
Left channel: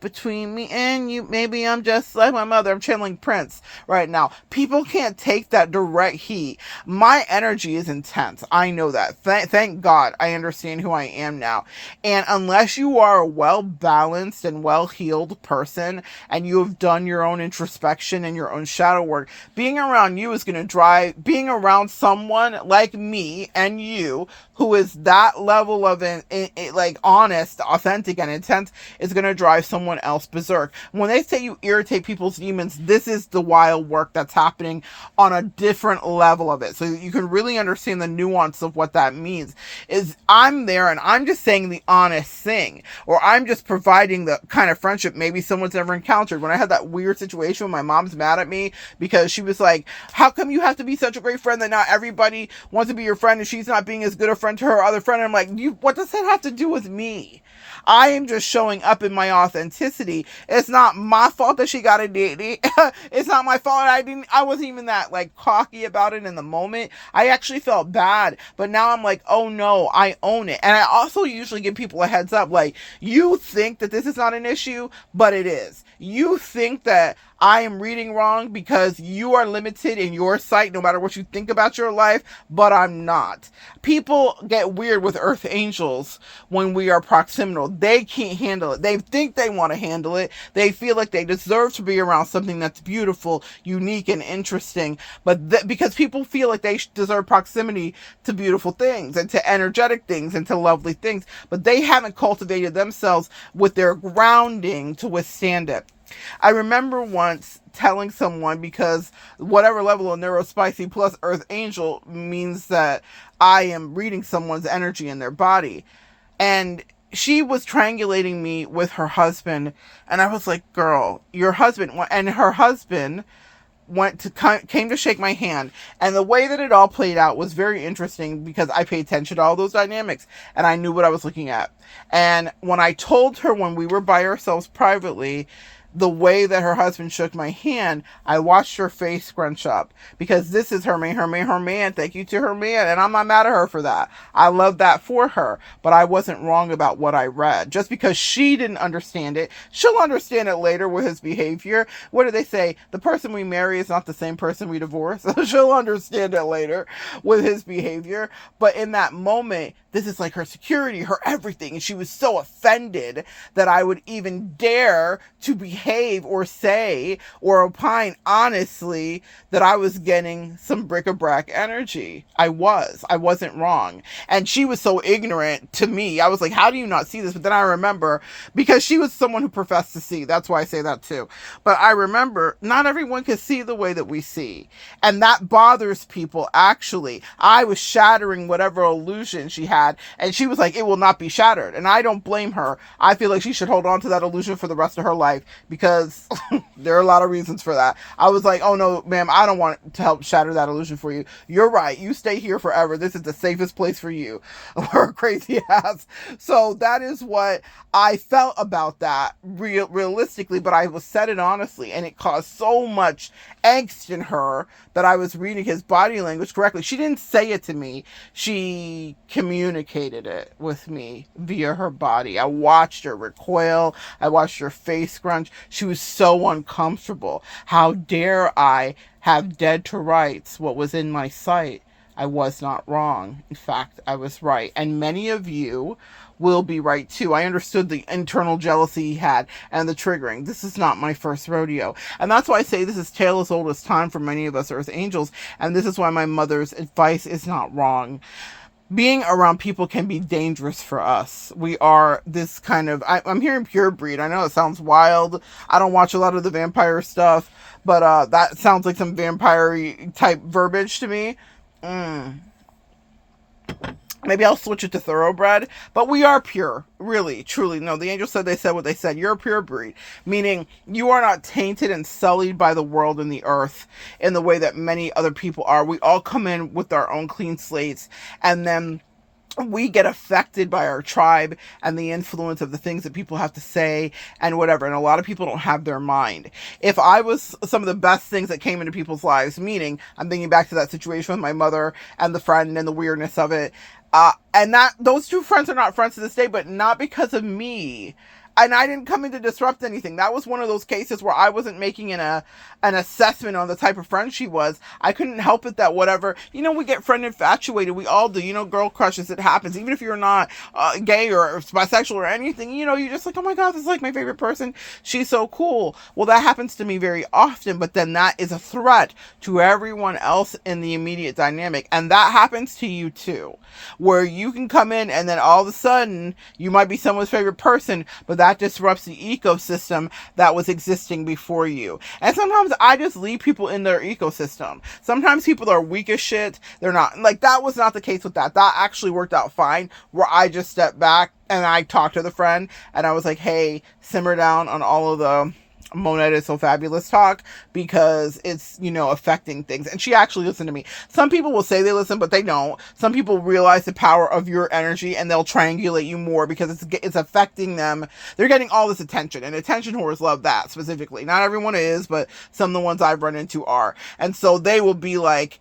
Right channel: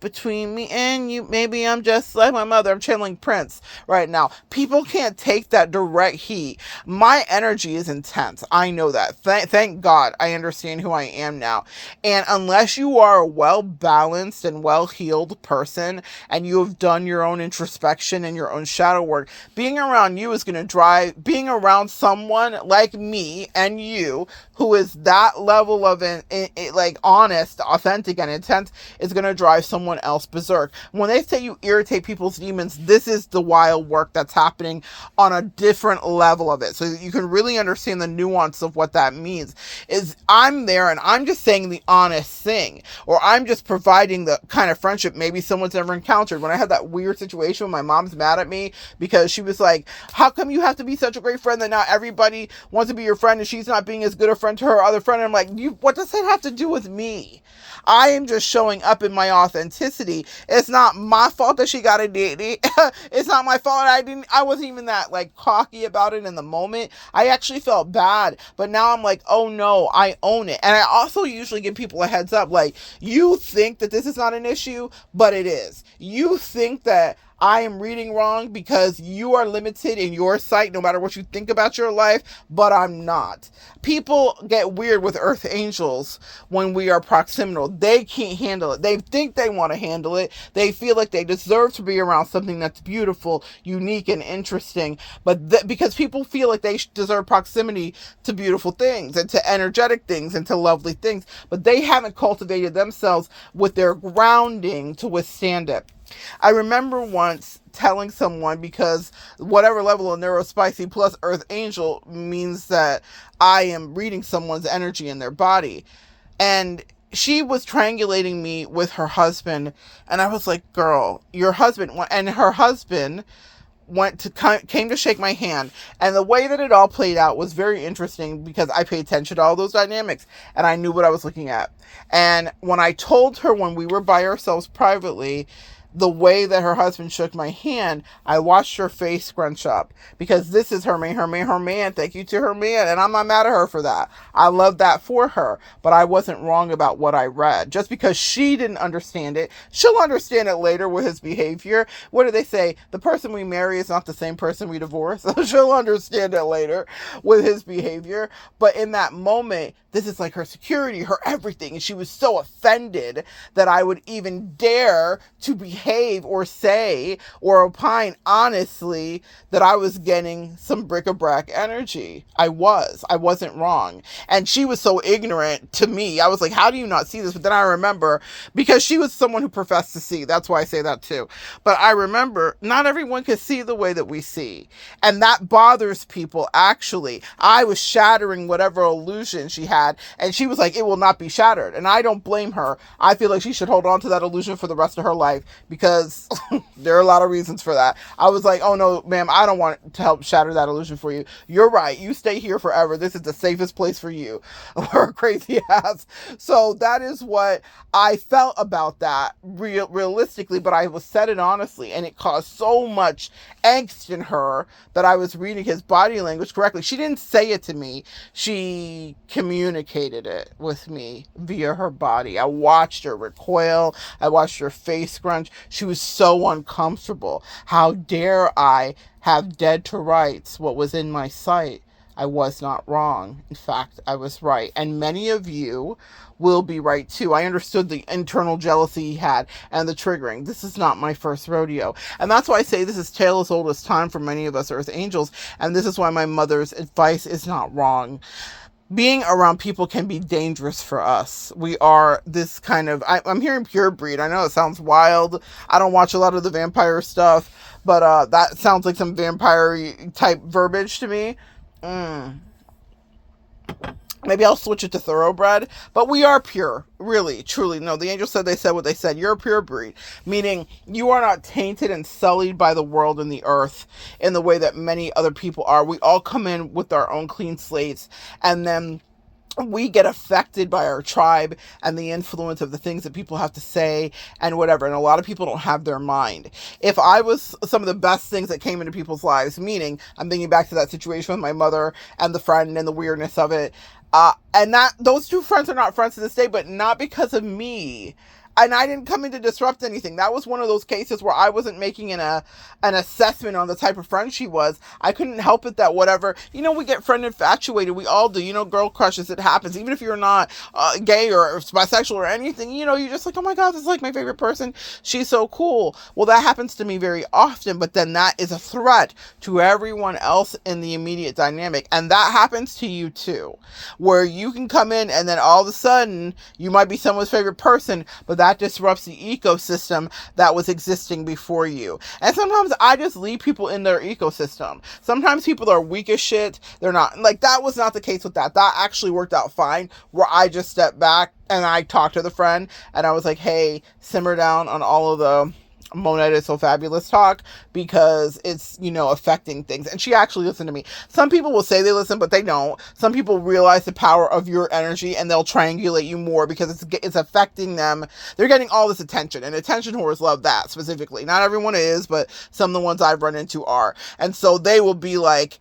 between me and you. Maybe I'm just like my mother. I'm channeling Prince right now. People can't take that direct heat. My energy is intense. I know that. Thank God I understand who I am now. And unless you are a well-balanced and well-healed person and you have done your own introspection and your own shadow work, being around you is going to drive, being around someone like me and you who is that level of like honest, authentic, and intense is going to drive someone else berserk. When they say you irritate people's demons, this is the wild work that's happening on a different level of it. So you can really understand the nuance of what that means. Is I'm there and I'm just saying the honest thing, or I'm just providing the kind of friendship maybe someone's never encountered. When I had that weird situation when my mom's mad at me because she was like, how come you have to be such a great friend that not everybody wants to be your friend and she's not being as good a friend to her other friend? And I'm like, what does that have to do with me? I am just showing up in my authenticity. It's not my fault that she got a date. It's not my fault. I wasn't even that like cocky about it in the moment. I actually felt bad, but now I'm like, oh no, I own it. And I also usually give people a heads up, like, you think that this is not an issue, but it is. You think that I am reading wrong because you are limited in your sight no matter what you think about your life, but I'm not. People get weird with earth angels when we are proximal. They can't handle it. They think they want to handle it. They feel like they deserve to be around something that's beautiful, unique, and interesting. But because people feel like they deserve proximity to beautiful things and to energetic things and to lovely things, but they haven't cultivated themselves with their grounding to withstand it. I remember once telling someone, because whatever level of neurospicy plus earth angel means that I am reading someone's energy in their body. And she was triangulating me with her husband. And I was like, girl, your husband, and her husband came to shake my hand, and the way that it all played out was very interesting because I paid attention to all those dynamics and I knew what I was looking at. And when I told her, when we were by ourselves privately, the way that her husband shook my hand, I watched her face scrunch up, because this is her man. Thank you to her man. And I'm not mad at her for that. I love that for her, but I wasn't wrong about what I read. Just because she didn't understand it, she'll understand it later with his behavior. What do they say? The person we marry is not the same person we divorce. She'll understand it later with his behavior. But in that moment, this is like her security, her everything. And she was so offended that I would even dare to behave or say or opine honestly that I was getting some bric-a-brac energy. I wasn't wrong. And she was so ignorant to me. I was like, how do you not see this? But then I remember, because she was someone who professed to see. That's why I say that too. But I remember not everyone can see the way that we see. And that bothers people, actually. I was shattering whatever illusion she had. And she was like, it will not be shattered. And I don't blame her. I feel like she should hold on to that illusion for the rest of her life, because there are a lot of reasons for that. I was like, oh no, ma'am, I don't want to help shatter that illusion for you. You're right. You stay here forever. This is the safest place for you. Or crazy ass. So that is what I felt about that realistically, but I was said it honestly, and it caused so much angst in her that I was reading his body language correctly. She didn't say it to me. She communicated it with me via her body. I watched her recoil. I watched her face scrunch. She was so uncomfortable. How dare I have dead to rights what was in my sight? I was not wrong. In fact, I was right. And many of you will be right too. I understood the internal jealousy he had and the triggering. This is not my first rodeo. And that's why I say this is tale as old as time for many of us Earth Angels. And this is why my mother's advice is not wrong. Being around people can be dangerous for us. We are this kind of, I'm hearing pure breed. I know it sounds wild. I don't watch a lot of the vampire stuff, but that sounds like some vampire type verbiage to me. Mm. Maybe I'll switch it to thoroughbred, but we are pure, really, truly. No, the angel said they said what they said. You're a pure breed, meaning you are not tainted and sullied by the world and the earth in the way that many other people are. We all come in with our own clean slates, and then we get affected by our tribe and the influence of the things that people have to say and whatever. And a lot of people don't have their mind. If I was some of the best things that came into people's lives, meaning I'm thinking back to that situation with my mother and the friend and the weirdness of it. And that those two friends are not friends to this day, but not because of me. And I didn't come in to disrupt anything. That was one of those cases where I wasn't making an assessment on the type of friend she was. I couldn't help it that whatever, we get friend infatuated. We all do, girl crushes. It happens. Even if you're not gay or bisexual or anything, you're just like, oh my God, this is like my favorite person. She's so cool. Well, that happens to me very often, but then that is a threat to everyone else in the immediate dynamic. And that happens to you too, where you can come in and then all of a sudden you might be someone's favorite person, but that disrupts the ecosystem that was existing before you. And sometimes I just leave people in their ecosystem. Sometimes people are weak as shit. They're not, like, that was not the case with that. That actually worked out fine, where I just stepped back and I talked to the friend and I was like, hey, simmer down on all of the Monette is so fabulous talk, because it's, affecting things. And she actually listened to me. Some people will say they listen, but they don't. Some people realize the power of your energy and they'll triangulate you more because it's affecting them. They're getting all this attention, and attention whores love that specifically. Not everyone is, but some of the ones I've run into are. And so they will be like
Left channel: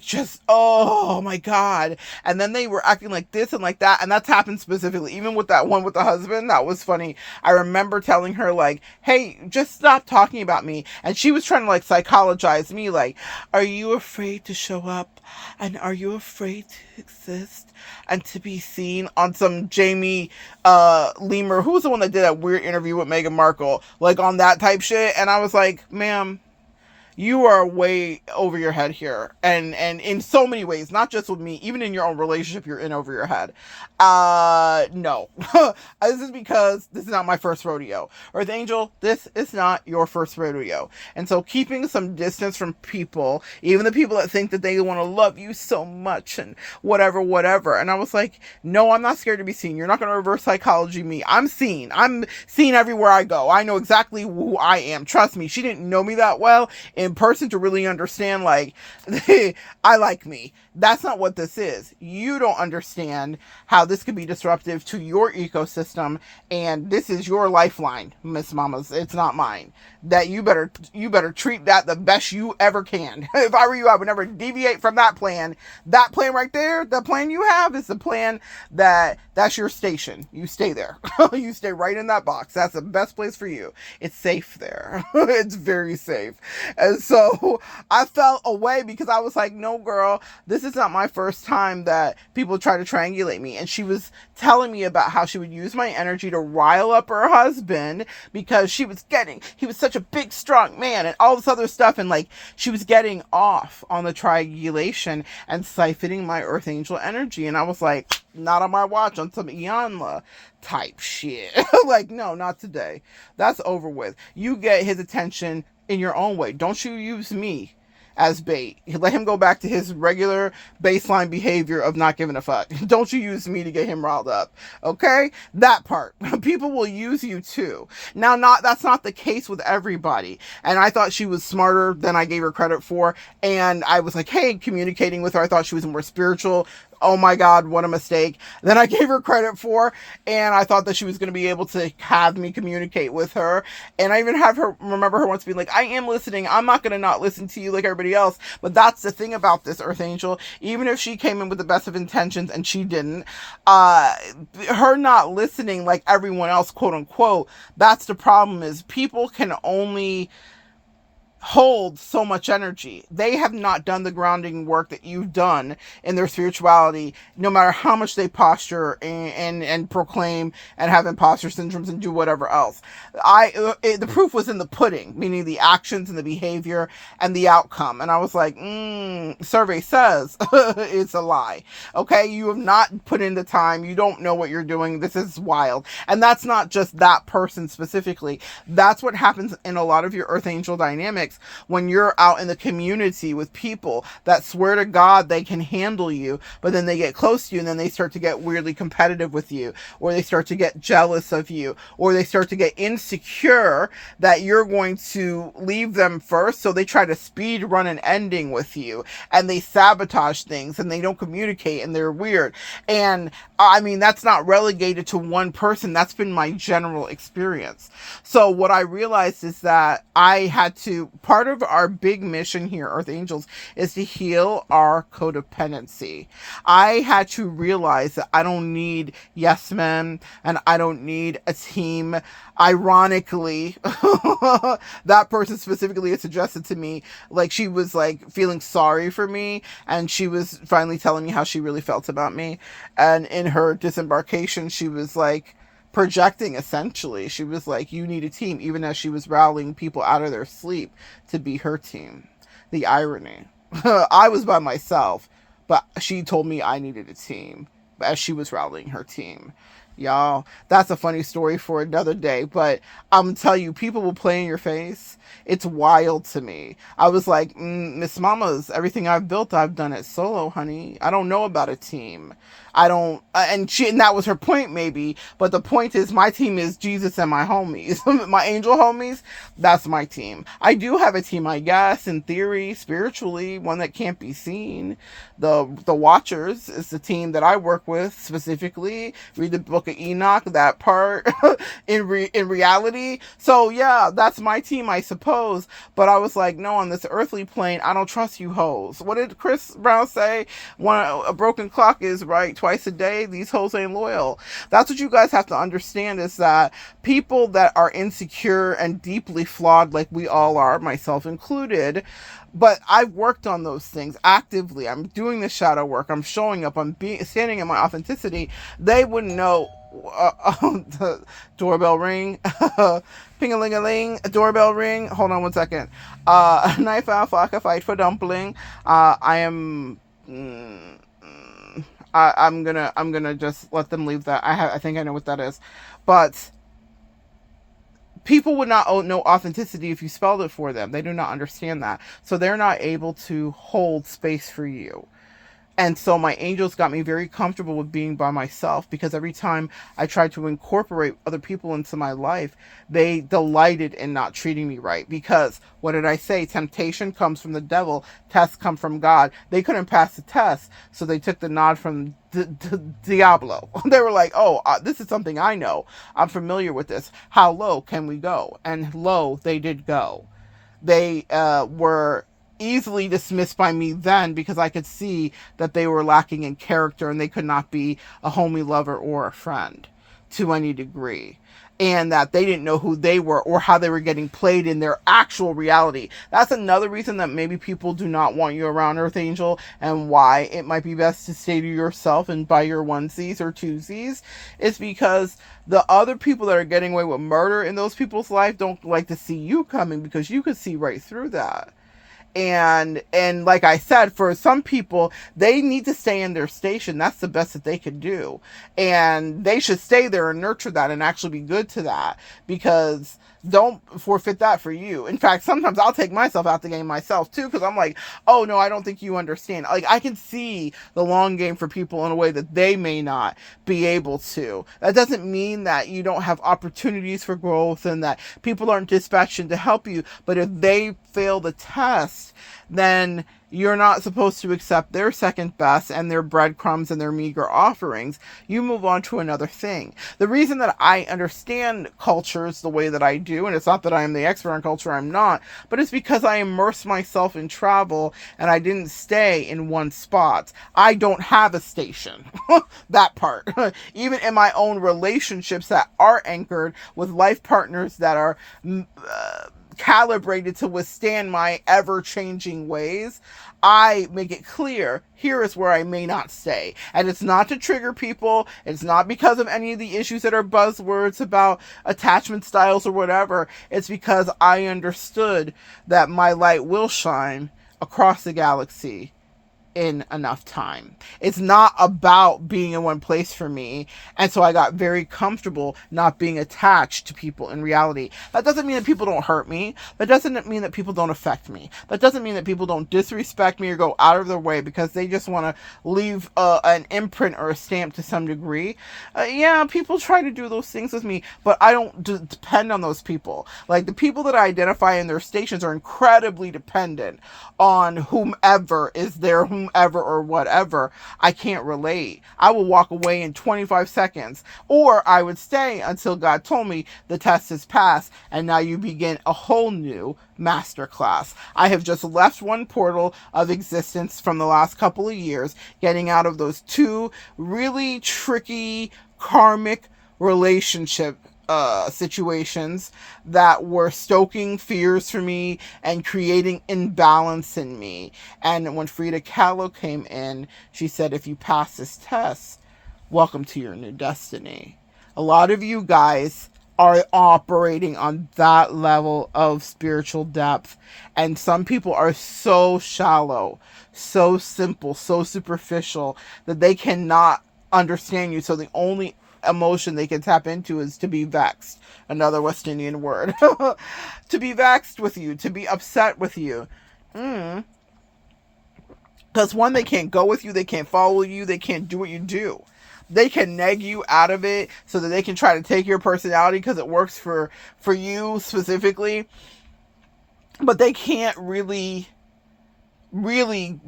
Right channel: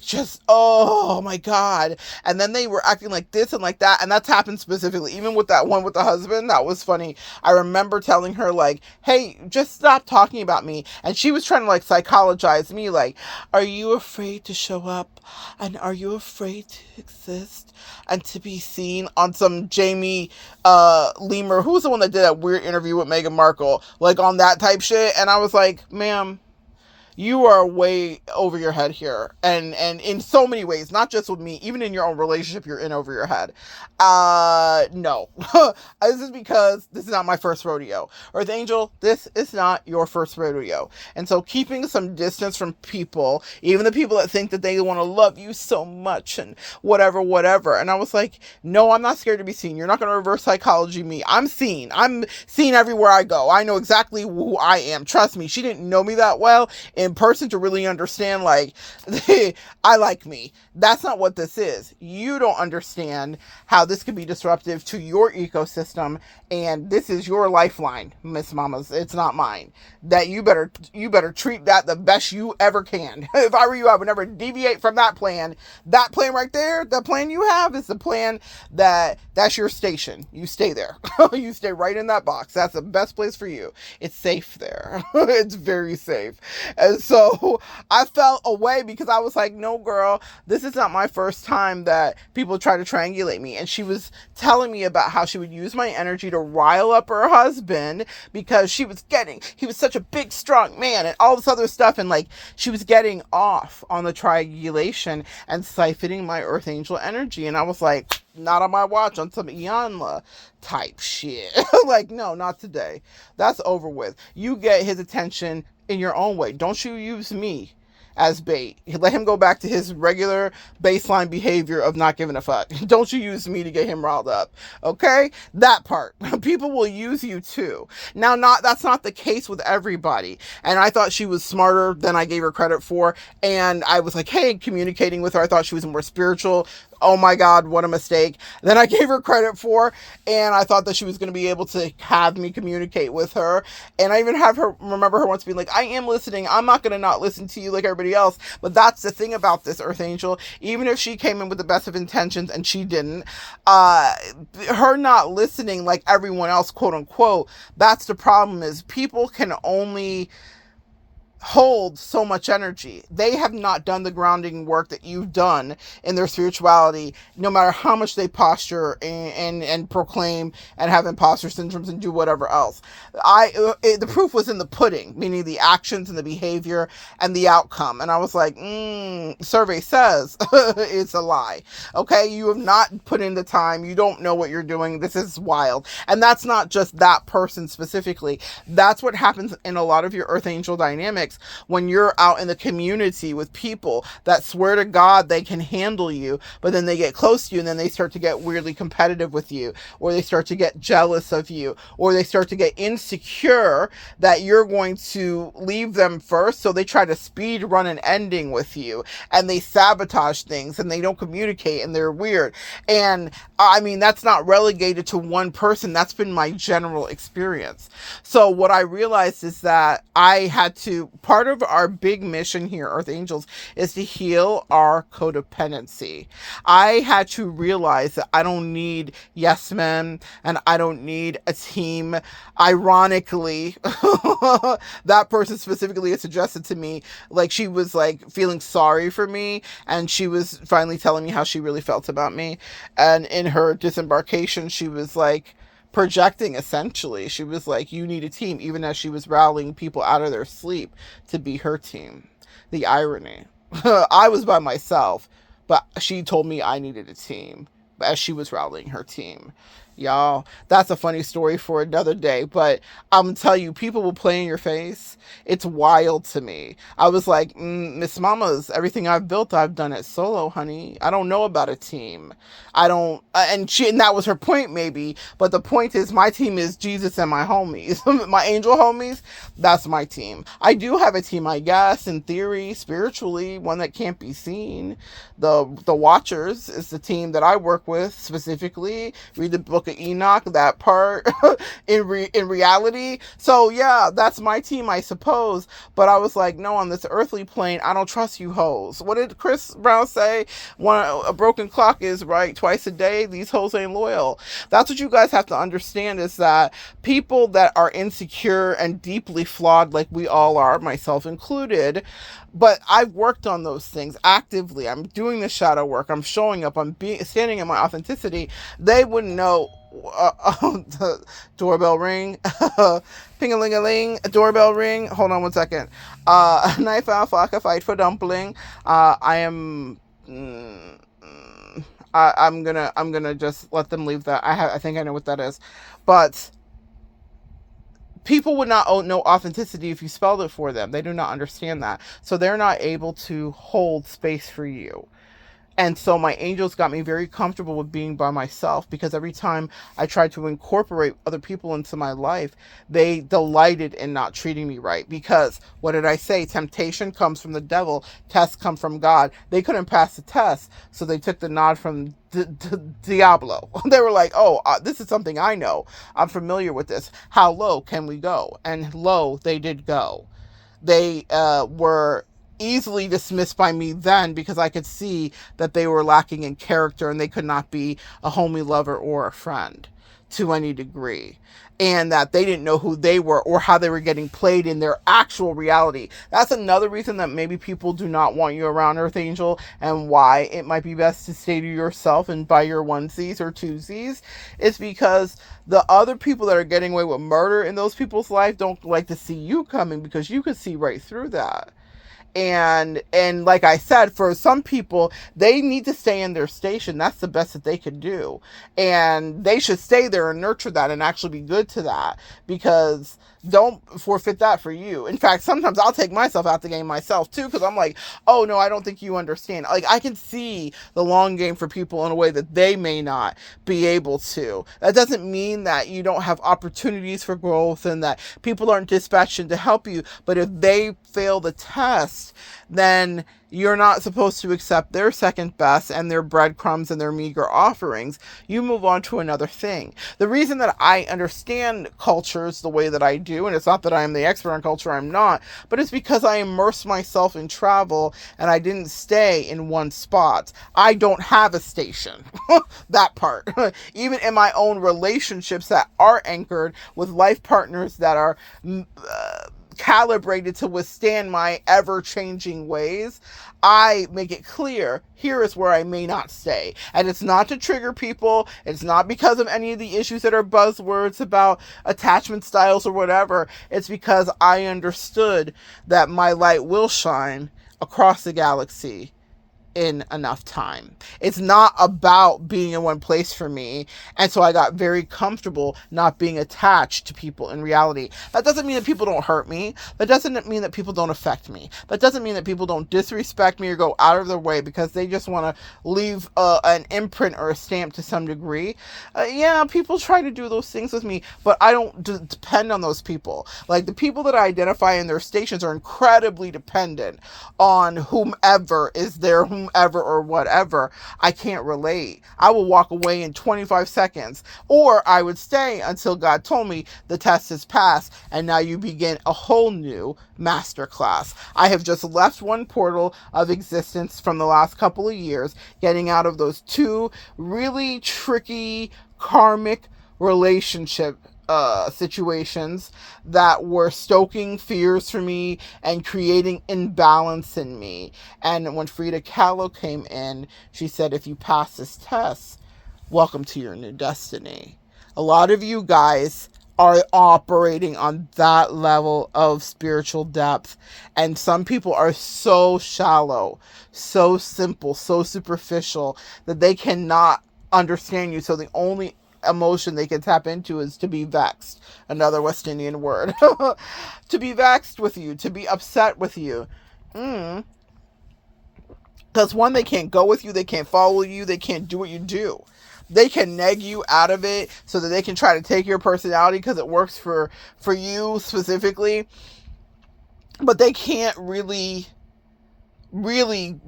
just, oh my God. And then they were acting like this and like that. And that's happened specifically, even with that one with the husband. That was funny. I remember telling her, like, hey, just stop talking about me. And she was trying to like psychologize me, like, are you afraid to show up? And are you afraid to exist and to be seen on some Jamie Lemur, who's the one that did that weird interview with Meghan Markle, like on that type shit? And I was like, ma'am, you are way over your head here. And in so many ways, not just with me, even in your own relationship, you're in over your head. No. This is because this is not my first rodeo. Earth Angel, this is not your first rodeo. And so keeping some distance from people, even the people that think that they want to love you so much and whatever. And I was like, no, I'm not scared to be seen. You're not going to reverse psychology me. I'm seen. I'm seen everywhere I go. I know exactly who I am. Trust me. She didn't know me that well in person to really understand, like, I like me. That's not what this is. You don't understand how this could be disruptive to your ecosystem, and this is your lifeline, Miss Mamas. It's not mine. That you better treat that the best you ever can. If I were you, I would never deviate from that plan. That plan right there, the plan you have is the plan that's your station. You stay there. You stay right in that box. That's the best place for you. It's safe there. It's very safe. And so I felt away because I was like, no, girl, this is not my first time that people try to triangulate me. And she was telling me about how she would use my energy to rile up her husband because he was such a big, strong man and all this other stuff. And like, she was getting off on the triangulation and siphoning my Earth Angel energy. And I was like, not on my watch, on some Iyanla type shit. Like, no, not today. That's over with. You get his attention in your own way. Don't you use me as bait. Let him go back to his regular baseline behavior of not giving a fuck. Don't you use me to get him riled up. Okay? That part. People will use you too. Now, that's not the case with everybody. And I thought she was smarter than I gave her credit for. And I was like, hey, communicating with her. I thought she was more spiritual. Oh my God, what a mistake. Then I gave her credit for, and I thought that she was going to be able to have me communicate with her. And I even remember her once being like, I am listening. I'm not going to not listen to you like everybody else. But that's the thing about this Earth Angel. Even if she came in with the best of intentions and she didn't, her not listening like everyone else, quote unquote, that's the problem. Is people can only hold so much energy. They have not done the grounding work that you've done in their spirituality, no matter how much they posture and proclaim and have imposter syndromes and do whatever else. The proof was in the pudding, meaning the actions and the behavior and the outcome. And I was like, survey says it's a lie. Okay, you have not put in the time. You don't know what you're doing. This is wild. And that's not just that person specifically. That's what happens in a lot of your Earth Angel dynamics. experience when you're out in the community with people that swear to God they can handle you, but then they get close to you and then they start to get weirdly competitive with you, or they start to get jealous of you, or they start to get insecure that you're going to leave them first. So they try to speed run an ending with you, and they sabotage things, and they don't communicate, and they're weird. And I mean, that's not relegated to one person. That's been my general experience. So what I realized is that I had to, part of our big mission here, Earth Angels, is to heal our codependency. I had to realize that I don't need yes men, and I don't need a team. Ironically, that person specifically had suggested to me, like, she was like feeling sorry for me, and she was finally telling me how she really felt about me. And in her disembarkation, she was like projecting, essentially. She was like, you need a team, even as she was rallying people out of their sleep to be her team. The irony. I was by myself, but she told me I needed a team as she was rallying her team. Y'all, that's a funny story for another day, but I'm gonna tell you, people will play in your face. It's wild to me. I was like, Miss Mama's, everything I've built, I've done it solo, honey. I don't know about a team. I don't, and that was her point, maybe, but the point is, my team is Jesus and my homies. My angel homies, that's my team. I do have a team, I guess, in theory, spiritually, one that can't be seen. The Watchers is the team that I work with specifically. Read the book of Enoch, that part in reality. So yeah, that's my team, I suppose. But I was like, no, on this earthly plane, I don't trust you hoes. What did Chris Brown say? A broken clock is right twice a day. These hoes ain't loyal. That's what you guys have to understand, is that people that are insecure and deeply flawed, like we all are, myself included, but I've worked on those things actively. I'm doing the shadow work. I'm showing up. I'm standing in my authenticity. They wouldn't know. The doorbell ring. Ping-a-ling-a-ling. Doorbell ring. Hold on one second. Knife out, fork, fight for dumpling. I am. I'm gonna just let them leave that. I think I know what that is, but people would not know authenticity if you spelled it for them. They do not understand that. So they're not able to hold space for you. And so my angels got me very comfortable with being by myself, because every time I tried to incorporate other people into my life, they delighted in not treating me right. Because what did I say? Temptation comes from the devil. Tests come from God. They couldn't pass the test, so they took the nod from Diablo. They were like, oh, this is something I know. I'm familiar with this. How low can we go? And low they did go. They were easily dismissed by me then, because I could see that they were lacking in character and they could not be a homie, lover, or a friend to any degree, and that they didn't know who they were or how they were getting played in their actual reality. That's another reason that maybe people do not want you around, Earth Angel, and why it might be best to stay to yourself and buy your onesies or twosies, is because the other people that are getting away with murder in those people's life don't like to see you coming, because you could see right through that. And like I said, for some people, they need to stay in their station. That's the best that they can do. And they should stay there and nurture that and actually be good to that, because don't forfeit that for you. In fact, sometimes I'll take myself out the game myself too, because I'm like, oh no, I don't think you understand. Like, I can see the long game for people in a way that they may not be able to. That doesn't mean that you don't have opportunities for growth and that people aren't dispatched in to help you. But if they fail the test, then you're not supposed to accept their second best and their breadcrumbs and their meager offerings. You move on to another thing. The reason that I understand cultures the way that I do, and it's not that I'm the expert on culture, I'm not, but it's because I immersed myself in travel and I didn't stay in one spot. I don't have a station. That part. Even in my own relationships that are anchored with life partners that are calibrated to withstand my ever-changing ways, I make it clear, here is where I may not stay. And it's not to trigger people. It's not because of any of the issues that are buzzwords about attachment styles or whatever. It's because I understood that my light will shine across the galaxy in enough time. It's not about being in one place for me. And so I got very comfortable not being attached to people in reality. That doesn't mean that people don't hurt me. That doesn't mean that people don't affect me. That doesn't mean that people don't disrespect me or go out of their way because they just want to leave an imprint or a stamp to some degree. Yeah, people try to do those things with me, but I don't depend on those people. Like, the people that I identify in their stations are incredibly dependent on whomever is there, whomever or whatever. I can't relate. I will walk away in 25 seconds, or I would stay until God told me the test is passed and now you begin a whole new masterclass. I have just left one portal of existence from the last couple of years, getting out of those two really tricky karmic relationship situations that were stoking fears for me and creating imbalance in me. And when Frida Kahlo came in, she said, if you pass this test, welcome to your new destiny. A lot of you guys are operating on that level of spiritual depth, and some people are so shallow, so simple, so superficial that they cannot understand you. So the only emotion they can tap into is to be vexed, another West Indian word. To be vexed with you, to be upset with you. Because one, they can't go with you, they can't follow you, they can't do what you do. They can neg you out of it so that they can try to take your personality because it works for you specifically, but they can't really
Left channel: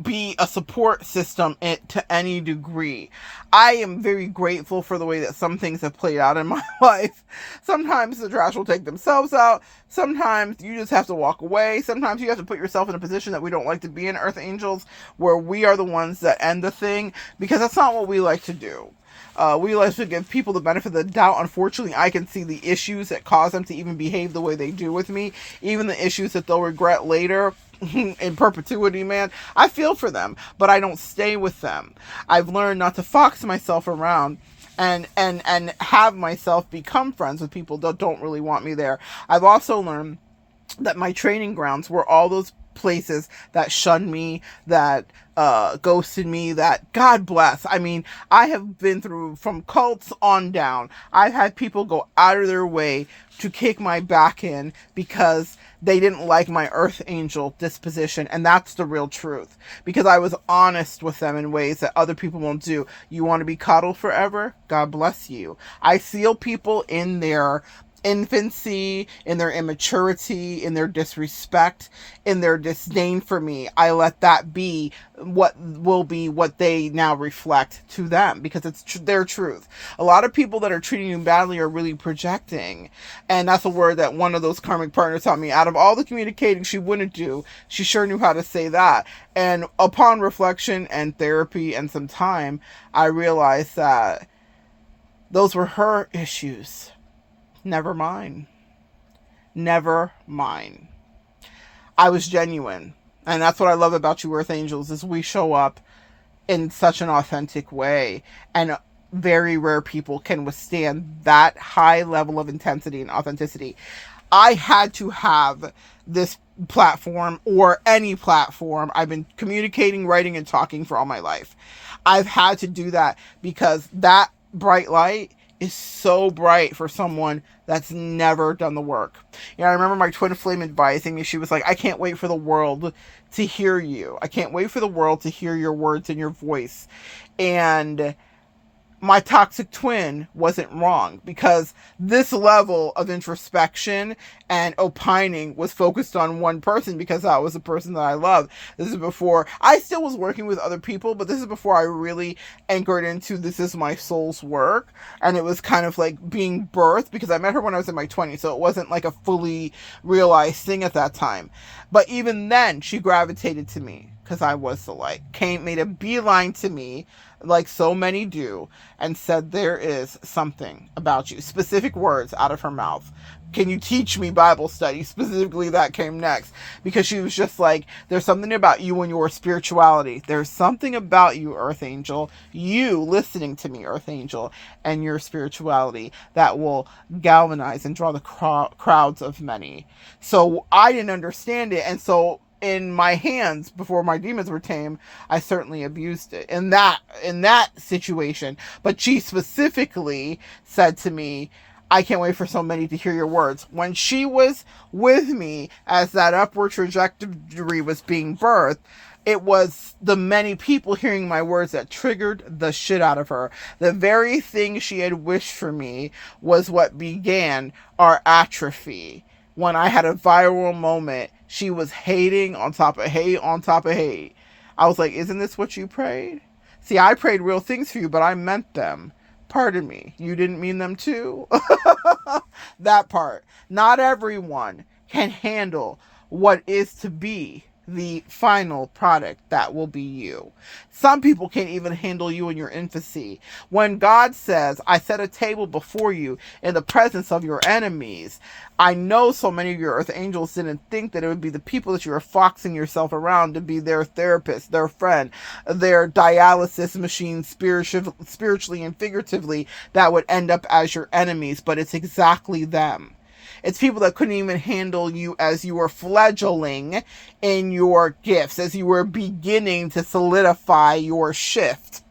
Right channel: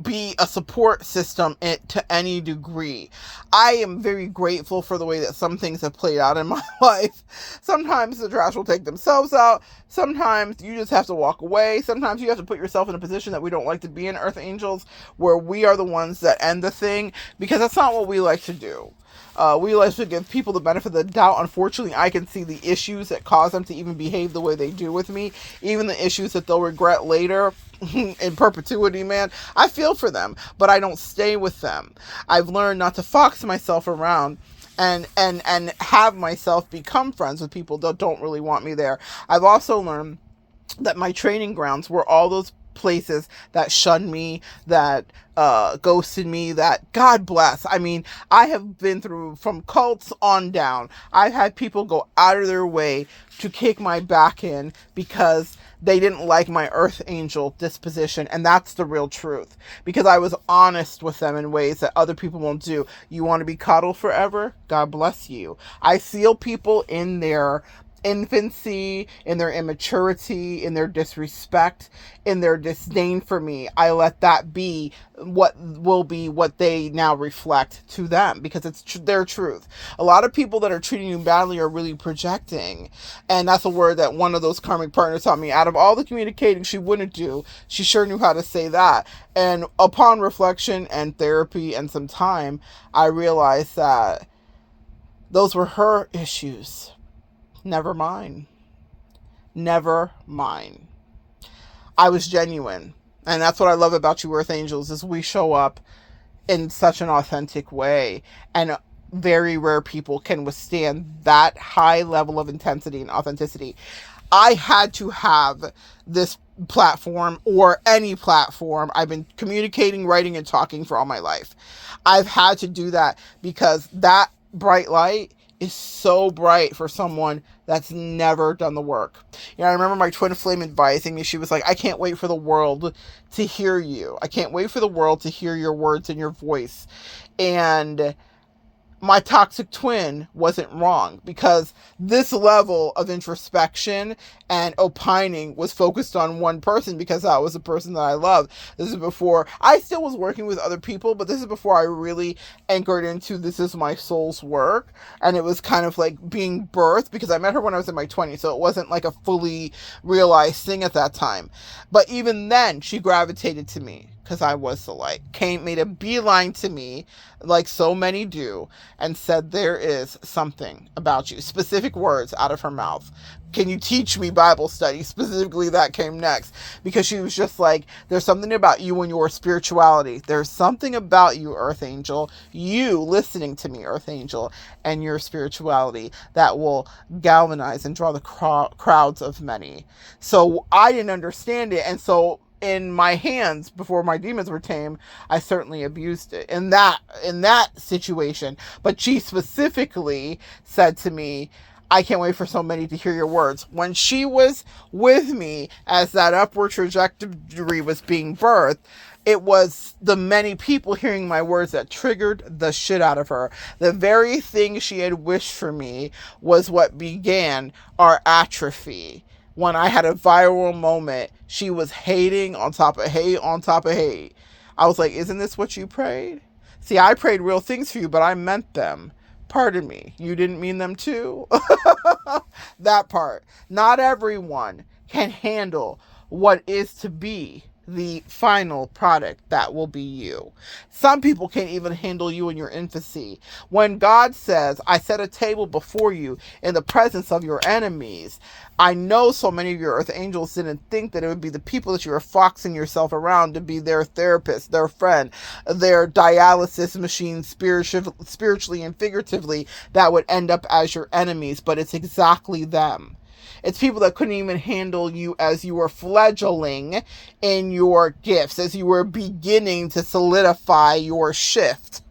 be a support system to any degree. I am very grateful for the way that some things have played out in my life. Sometimes the trash will take themselves out. Sometimes you just have to walk away. Sometimes you have to put yourself in a position that we don't like to be in, Earth Angels, where we are the ones that end the thing, because that's not what we like to do. We like to give people the benefit of the doubt. Unfortunately, I can see the issues that cause them to even behave the way they do with me, even the issues that they'll regret later in perpetuity, man. I feel for them, but I don't stay with them. I've learned not to fox myself around and have myself become friends with people that don't really want me there. I've also learned that my training grounds were all those places that shunned me, that ghosted me, that God bless. I mean, I have been through from cults on down. I've had people go out of their way to kick my back in because they didn't like my Earth Angel disposition, and that's the real truth. Because I was honest with them in ways that other people won't do. You want to be coddled forever? God bless you. I seal people in their infancy, in their immaturity, in their disrespect, in their disdain for me. I let that be what will be what they now reflect to them, because it's their truth. A lot of people that are treating you badly are really projecting, and that's a word that one of those karmic partners taught me. Out of all the communicating she wouldn't do, she sure knew how to say that. And upon reflection and therapy and some time, I realized that those were her issues. Never mind. Never mind. I was genuine. And that's what I love about you, Earth Angels, is we show up in such an authentic way. And very rare people can withstand that high level of intensity and authenticity. I had to have this platform, or any platform. I've been communicating, writing, and talking for all my life. I've had to do that because that bright light is so bright for someone that's never done the work. You know, I remember my twin flame advising me. She was like, I can't wait for the world to hear you. I can't wait for the world to hear your words and your voice. And my toxic twin wasn't wrong, because this level of introspection and opining was focused on one person, because that was the person that I loved. This is before I still was working with other people, but this is before I really anchored into this is my soul's work. And it was kind of like being birthed, because I met her when I was in my 20s, so it wasn't like a fully realized thing at that time. But even then, she gravitated to me because I was the light. Made a beeline to me, like so many do, and said, there is something about you. Specific words out of her mouth. Can you teach me Bible study? Specifically, that came next, because she was just like, there's something about you and your spirituality. There's something about you, Earth Angel, you listening to me, Earth Angel, and your spirituality that will galvanize and draw the crowds of many. So I didn't understand it. And so in my hands before my demons were tamed, I certainly abused it in that situation. But she specifically said to me, I can't wait for so many to hear your words. When she was with me as that upward trajectory was being birthed, it was the many people hearing my words that triggered the shit out of her. The very thing she had wished for me was what began our atrophy. When I had a viral moment, she was hating on top of hate on top of hate. I was like, isn't this what you prayed? See, I prayed real things for you, but I meant them. Pardon me, you didn't mean them too? That part. Not everyone can handle what is to be the final product that will be you. Some people can't even handle you in your infancy. When God says, I set a table before you in the presence of your enemies, I know so many of your earth angels didn't think that it would be the people that you were foxing yourself around to be their therapist, their friend, their dialysis machine, spiritually and figuratively, that would end up as your enemies, but it's exactly them. It's people that couldn't even handle you as you were fledgling in your gifts, as you were beginning to solidify your shift.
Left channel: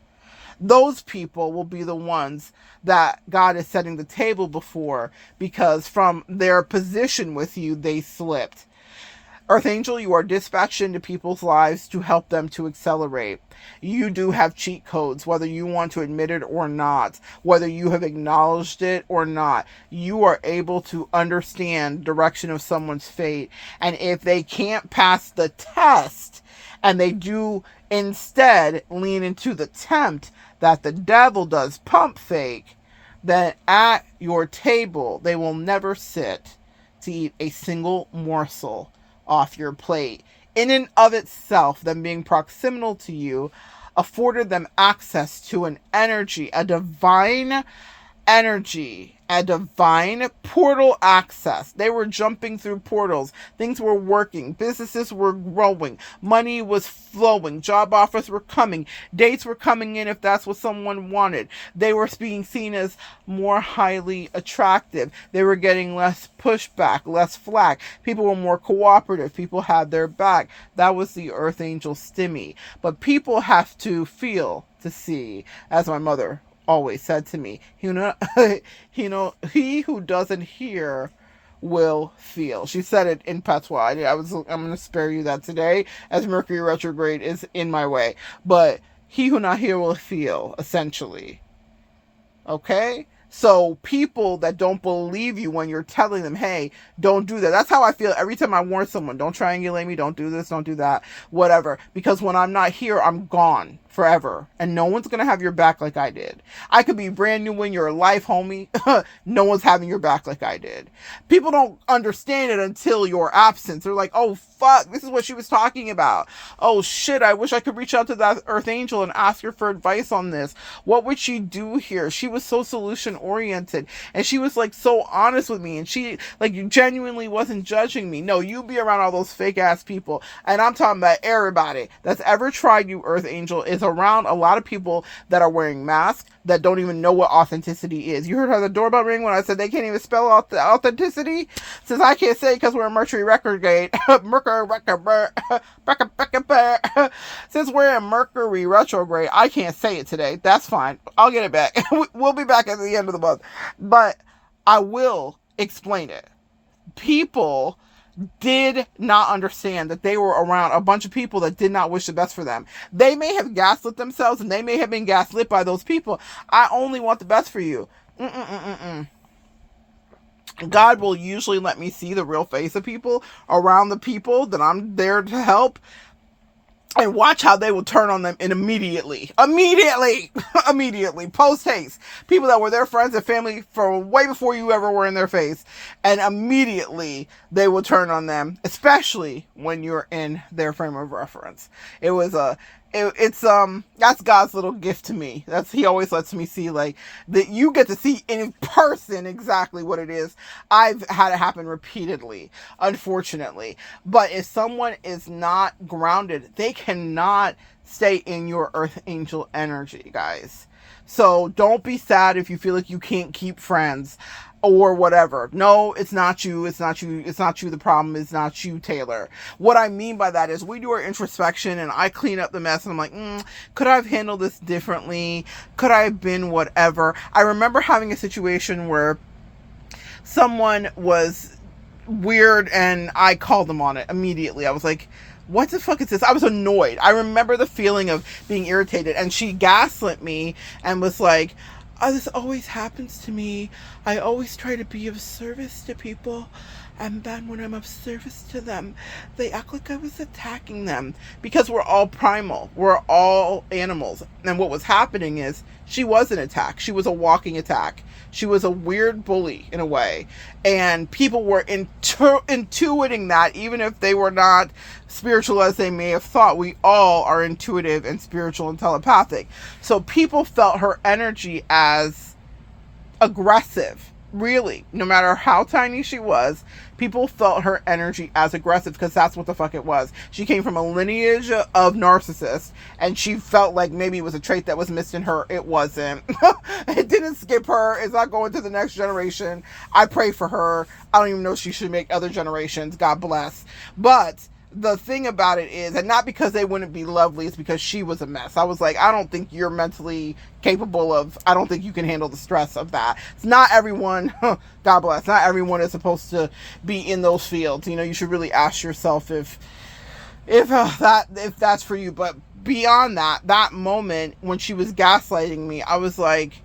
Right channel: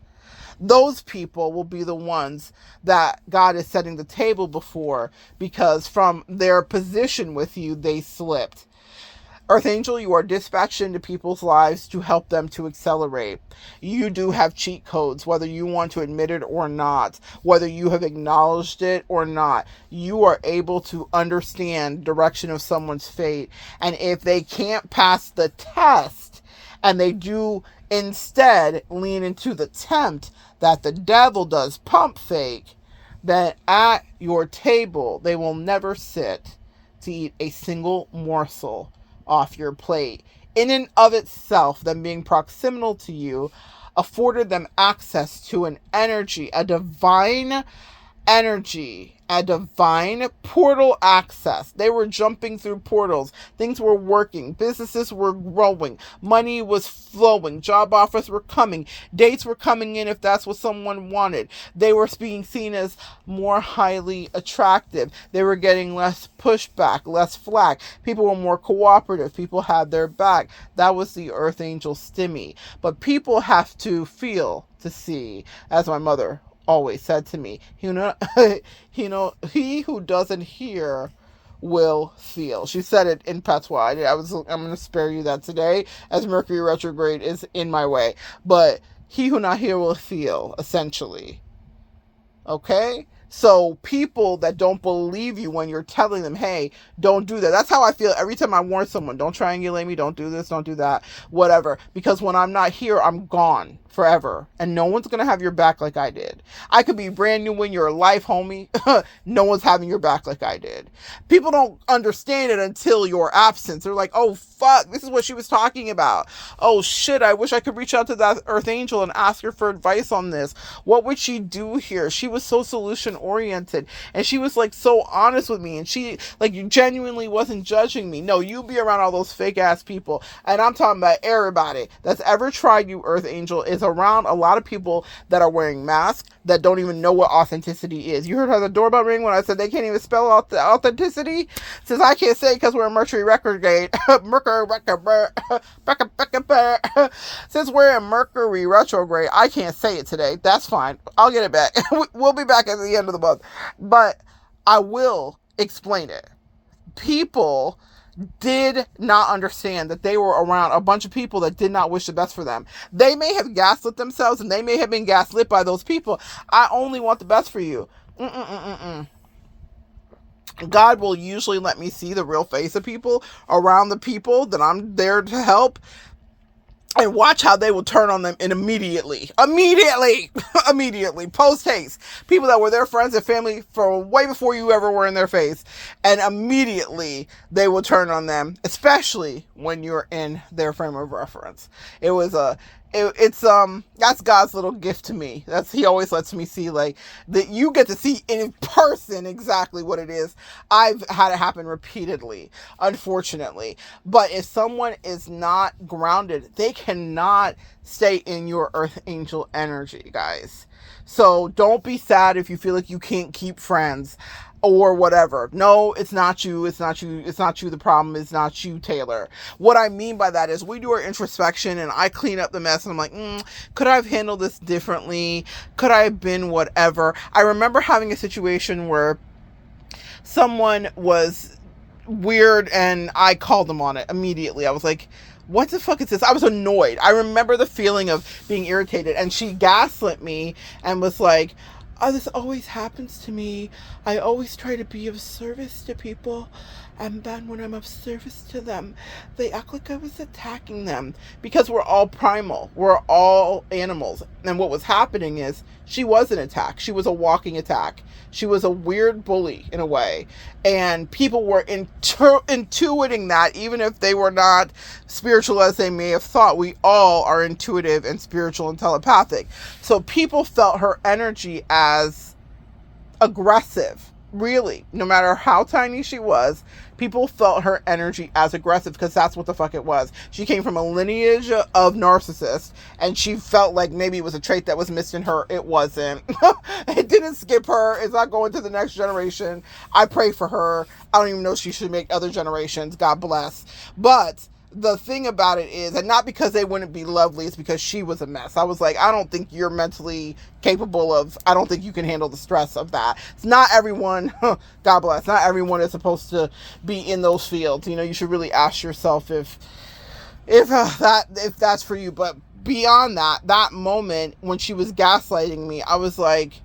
Those people will be the ones that God is setting the table before, because from their position with you, they slipped. Earth Angel, you are dispatched into people's lives to help them to accelerate. You do have cheat codes, whether you want to admit it or not, whether you have acknowledged it or not. You are able to understand the direction of someone's fate. And if they can't pass the test and they do instead lean into the tempt that the devil does, pump fake, then at your table they will never sit to eat a single morsel off your plate. In and of itself, them being proximal to you afforded them access to an energy, a divine energy, a divine portal access. They were jumping through portals. Things were working. Businesses were growing. Money was flowing. Job offers were coming. Dates were coming in if that's what someone wanted. They were being seen as more highly attractive. They were getting less pushback, less flack. People were more cooperative. People had their back. That was the Earth Angel stimmy. But people have to feel to see, as my mother always said to me, he who doesn't hear will feel. She said it in patois. I'm going to spare you that today, as Mercury retrograde is in my way. But he who not hear will feel, essentially. Okay? So people that don't believe you when you're telling them, hey, don't do that. That's how I feel every time I warn someone. Don't triangulate me. Don't do this. Don't do that. Whatever. Because when I'm not here, I'm gone forever. And no one's going to have your back like I did. I could be brand new in your life, homie. No one's having your back like I did. People don't understand it until your absence. They're like, oh, fuck, this is what she was talking about. Oh, shit, I wish I could reach out to that Earth Angel and ask her for advice on this. What would she do here? She was so solution oriented, and she was like so honest with me, and she like genuinely wasn't judging me. No, you be around all those fake ass people, and I'm talking about everybody that's ever tried you, Earth Angel, is around a lot of people that are wearing masks that don't even know what authenticity is. You heard how the doorbell ring when I said they can't even spell out the authenticity? Since I can't say it because we're in Mercury retrograde. Since we're in Mercury retrograde, I can't say it today. That's fine. I'll get it back. We'll be back at the end of the month. But I will explain it. People did not understand that they were around a bunch of people that did not wish the best for them. They may have gaslit themselves, and they may have been gaslit by those people. I only want the best for you. God will usually let me see the real face of people around the people that I'm there to help, and watch how they will turn on them immediately, post haste. People that were their friends and family for way before you ever were in their face, and immediately they will turn on them, especially when you're in their frame of reference. It's that's God's little gift to me. He always lets me see like that. You get to see in person exactly what it is. I've had it happen repeatedly, unfortunately. But if someone is not grounded, they cannot stay in your Earth Angel energy, guys. So don't be sad if you feel like you can't keep friends, or whatever. No, it's not you. It's not you. It's not you. The problem is not you, Taylor. What I mean by that is we do our introspection and I clean up the mess and I'm like, could I have handled this differently? Could I have been whatever? I remember having a situation where someone was weird and I called them on it immediately. I was like, what the fuck is this? I was annoyed. I remember the feeling of being irritated, and she gaslit me and was like, oh, this always happens to me. I always try to be of service to people, and then when I'm of service to them, they act like I was attacking them. Because we're all primal. We're all animals. And what was happening is she was an attack. She was a walking attack. She was a weird bully in a way. And people were intuiting that, even if they were not spiritual as they may have thought. We all are intuitive and spiritual and telepathic. So people felt her energy as aggressive. Really, no matter how tiny she was, people felt her energy as aggressive because that's what the fuck it was. She came from a lineage of narcissists, and she felt like maybe it was a trait that was missed in her. It wasn't. It didn't skip her. It's not going to the next generation. I pray for her. I don't even know if she should make other generations. God bless. But the thing about it is, and not because they wouldn't be lovely, it's because she was a mess. I was like, I don't think you're mentally capable of, I don't think you can handle the stress of that. It's not everyone, God bless, not everyone is supposed to be in those fields. You know, you should really ask yourself if that's for you. But beyond that moment when she was gaslighting me, I was like,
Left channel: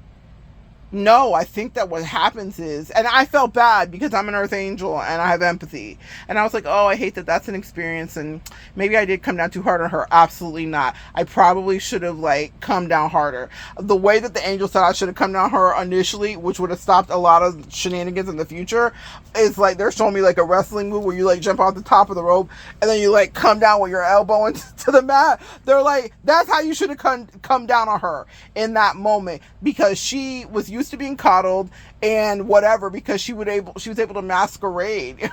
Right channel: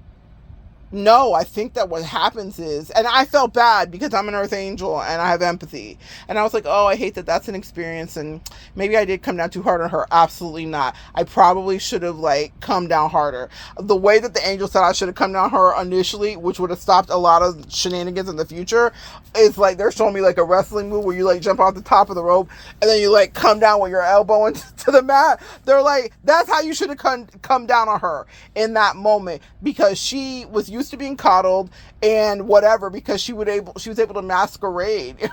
no, I think that what happens is, and I felt bad because I'm an earth angel and I have empathy. And I was like, oh, I hate that that's an experience. And maybe I did come down too hard on her. Absolutely not. I probably should have come down harder. The way that the angel said I should have come down her initially, which would have stopped a lot of shenanigans in the future, is like they're showing me like a wrestling move where you jump off the top of the rope and then you come down with your elbow into the mat. They're like, that's how you should have come down on her in that moment, because she was used to being coddled and whatever, because she was able to masquerade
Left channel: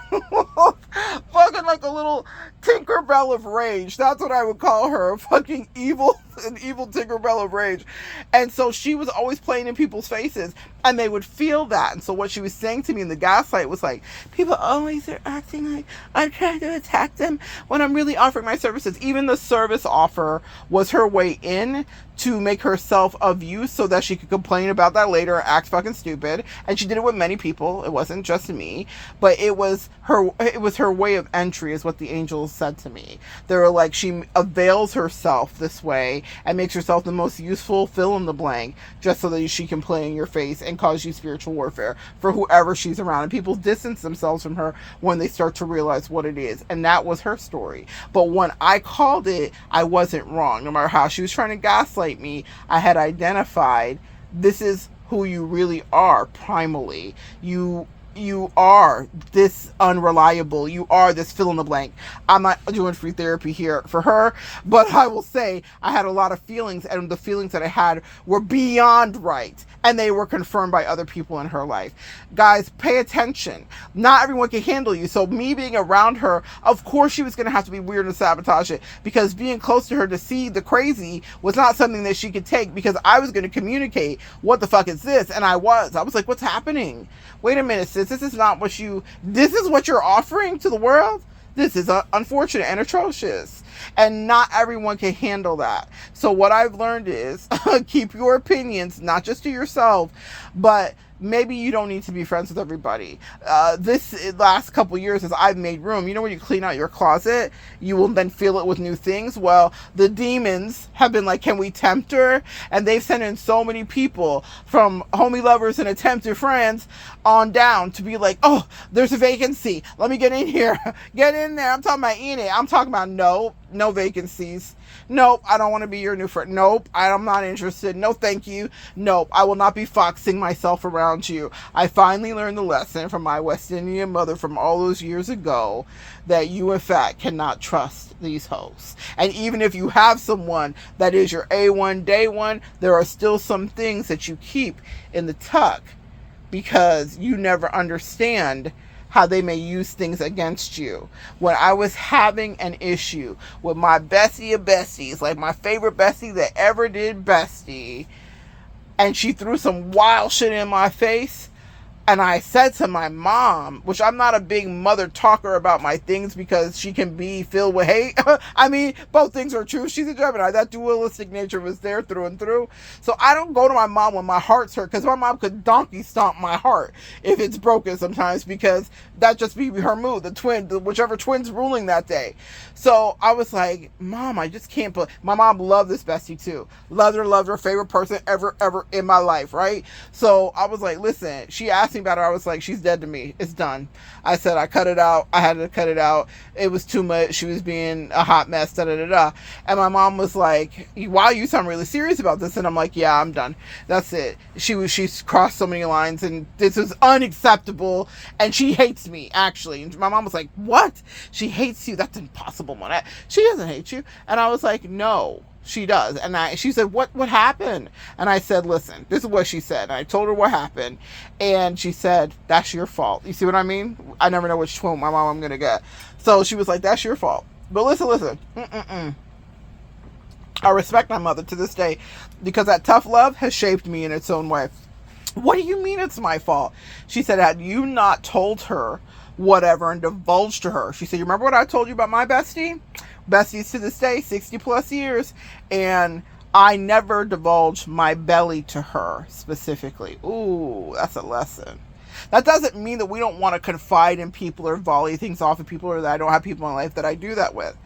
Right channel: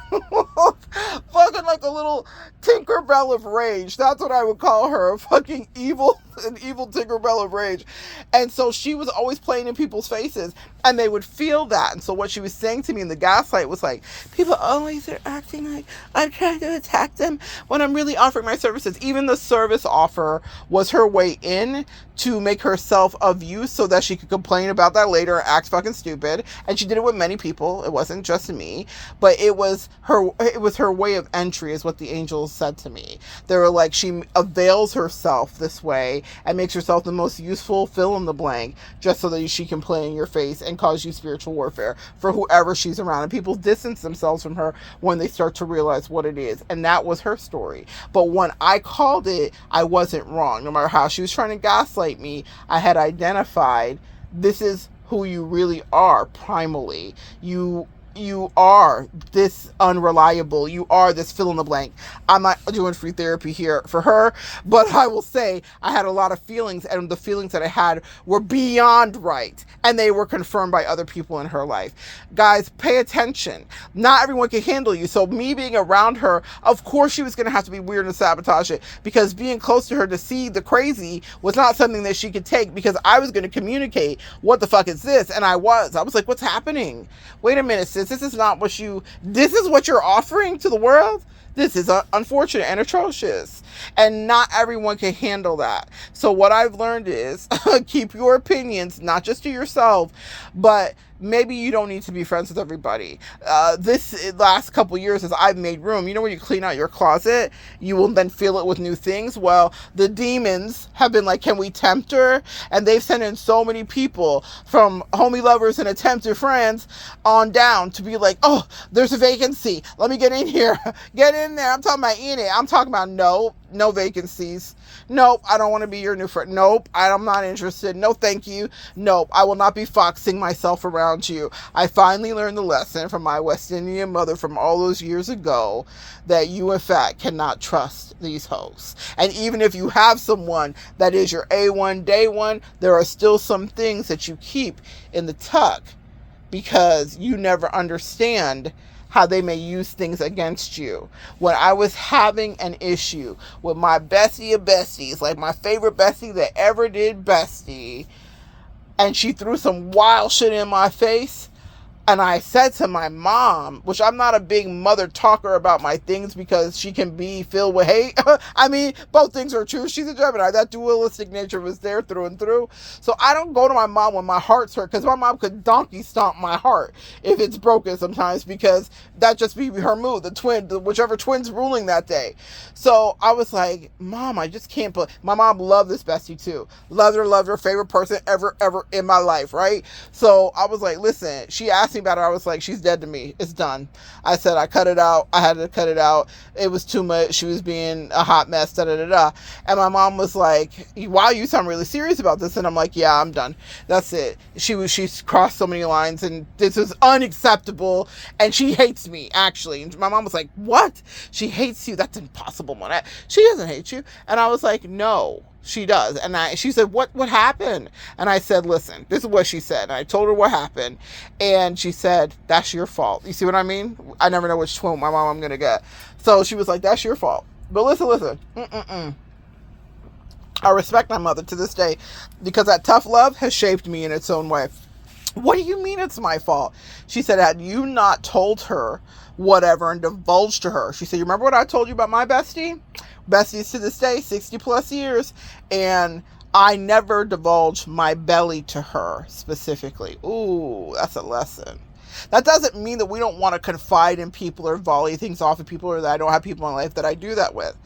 fucking like a little Tinkerbell of rage. That's what I would call her, an evil Tinkerbell of rage. And so she was always playing in people's faces and they would feel that. And so what she was saying to me in the gaslight was like, people always are acting like I'm trying to attack them when I'm really offering my services. Even the service offer was her way in to make herself of use so that she could complain about that later and act fucking stupid. And she did it with many people. It wasn't just me, but it was her way of entry, is what the angels said to me. They were like, she avails herself this way and makes herself the most useful fill in the blank just so that she can play in your face and cause you spiritual warfare for whoever she's around. And people distance themselves from her when they start to realize what it is. And that was her story. But when I called it, I wasn't wrong. No matter how she was trying to gaslight me, I had identified, this is who you really are primally. You are this unreliable. You are this fill in the blank. I'm not doing free therapy here for her, but I will say I had a lot of feelings, and the feelings that I had were beyond right, and they were confirmed by other people in her life. Guys, pay attention. Not everyone can handle you. So me being around her, of course she was going to have to be weird and sabotage it, because being close to her to see the crazy was not something that she could take, because I was going to communicate, what the fuck is this? And I was like, what's happening? Wait a minute, sis. This is what you're offering to the world? This is unfortunate and atrocious. And not everyone can handle that. So what I've learned is keep your opinions, not just to yourself, but maybe you don't need to be friends with everybody. This last couple years, as I've made room, you know, when you clean out your closet, you will then fill it with new things. Well, the demons have been like, can we tempt her? And they've sent in so many people, from homie lovers and attempted friends on down, to be like, oh, there's a vacancy. Let me get in here. Get in there. I'm talking about in it. I'm talking about no vacancies. Nope, I don't want to be your new friend. Nope, I'm not interested. No, thank you. Nope, I will not be foxing myself around you. I finally learned the lesson from my West Indian mother from all those years ago, that you, in fact, cannot trust these hosts. And even if you have someone that is your A1 day one, there are still some things that you keep in the tuck, because you never understand how they may use things against you. When I was having an issue with my bestie of besties, like my favorite bestie that ever did bestie, and she threw some wild shit in my face, And I said to my mom, which I'm not a big mother talker about my things because she can be filled with hate. I mean, both things are true. She's a Gemini. That dualistic nature was there through and through. So I don't go to my mom when my heart's hurt, because my mom could donkey stomp my heart if it's broken sometimes, because that just be her mood, whichever twin's ruling that day. So I was like, Mom, I just can't put. My mom loved this bestie too. Loved her, favorite person ever in my life, right? So I was like, listen, she asked me about her. I was like, she's dead to me. It's done. I said, I cut it out. I had to cut it out. It was too much. She was being a hot mess, da da da da. And my mom was like, wow, you sound really serious about this. And I'm like, yeah, I'm done. That's it. She's crossed so many lines, and this is unacceptable. And she hates me, actually. And my mom was like, what? She hates you? That's impossible, Monette. She doesn't hate you. And I was like, no, she does. And she said, what happened? And I said, listen, this is what she said. And I told her what happened. And she said, that's your fault. You see what I mean? I never know which twin my mom I'm going to get. So she was like, that's your fault. But listen. I respect my mother to this day, because that tough love has shaped me in its own way. What do you mean it's my fault? She said, had you not told her whatever and divulged to her, she said, you remember what I told you about my bestie? Besties to this day, 60 plus years, and I never divulged my belly to her specifically. Ooh, that's a lesson. That doesn't mean that we don't want to confide in people or volley things off of people, or that I don't have people in my life that I do that with.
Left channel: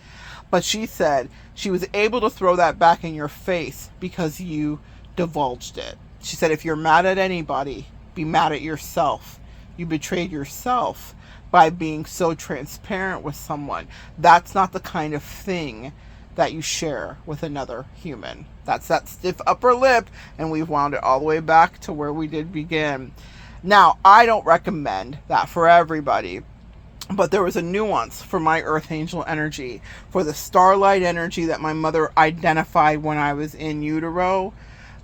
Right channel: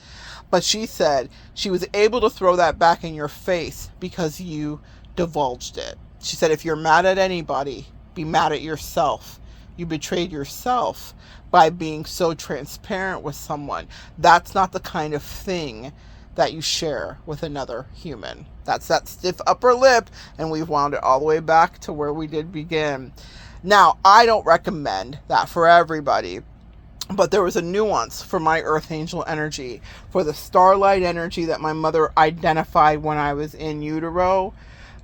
But she said she was able to throw that back in your face because you divulged it. She said, if you're mad at anybody, be mad at yourself. You betrayed yourself by being so transparent with someone. That's not the kind of thing that you share with another human. That's that stiff upper lip, and we've wound it all the way back to where we did begin. Now, I don't recommend that for everybody, but there was a nuance for my earth angel energy, for the starlight energy that my mother identified when I was in utero.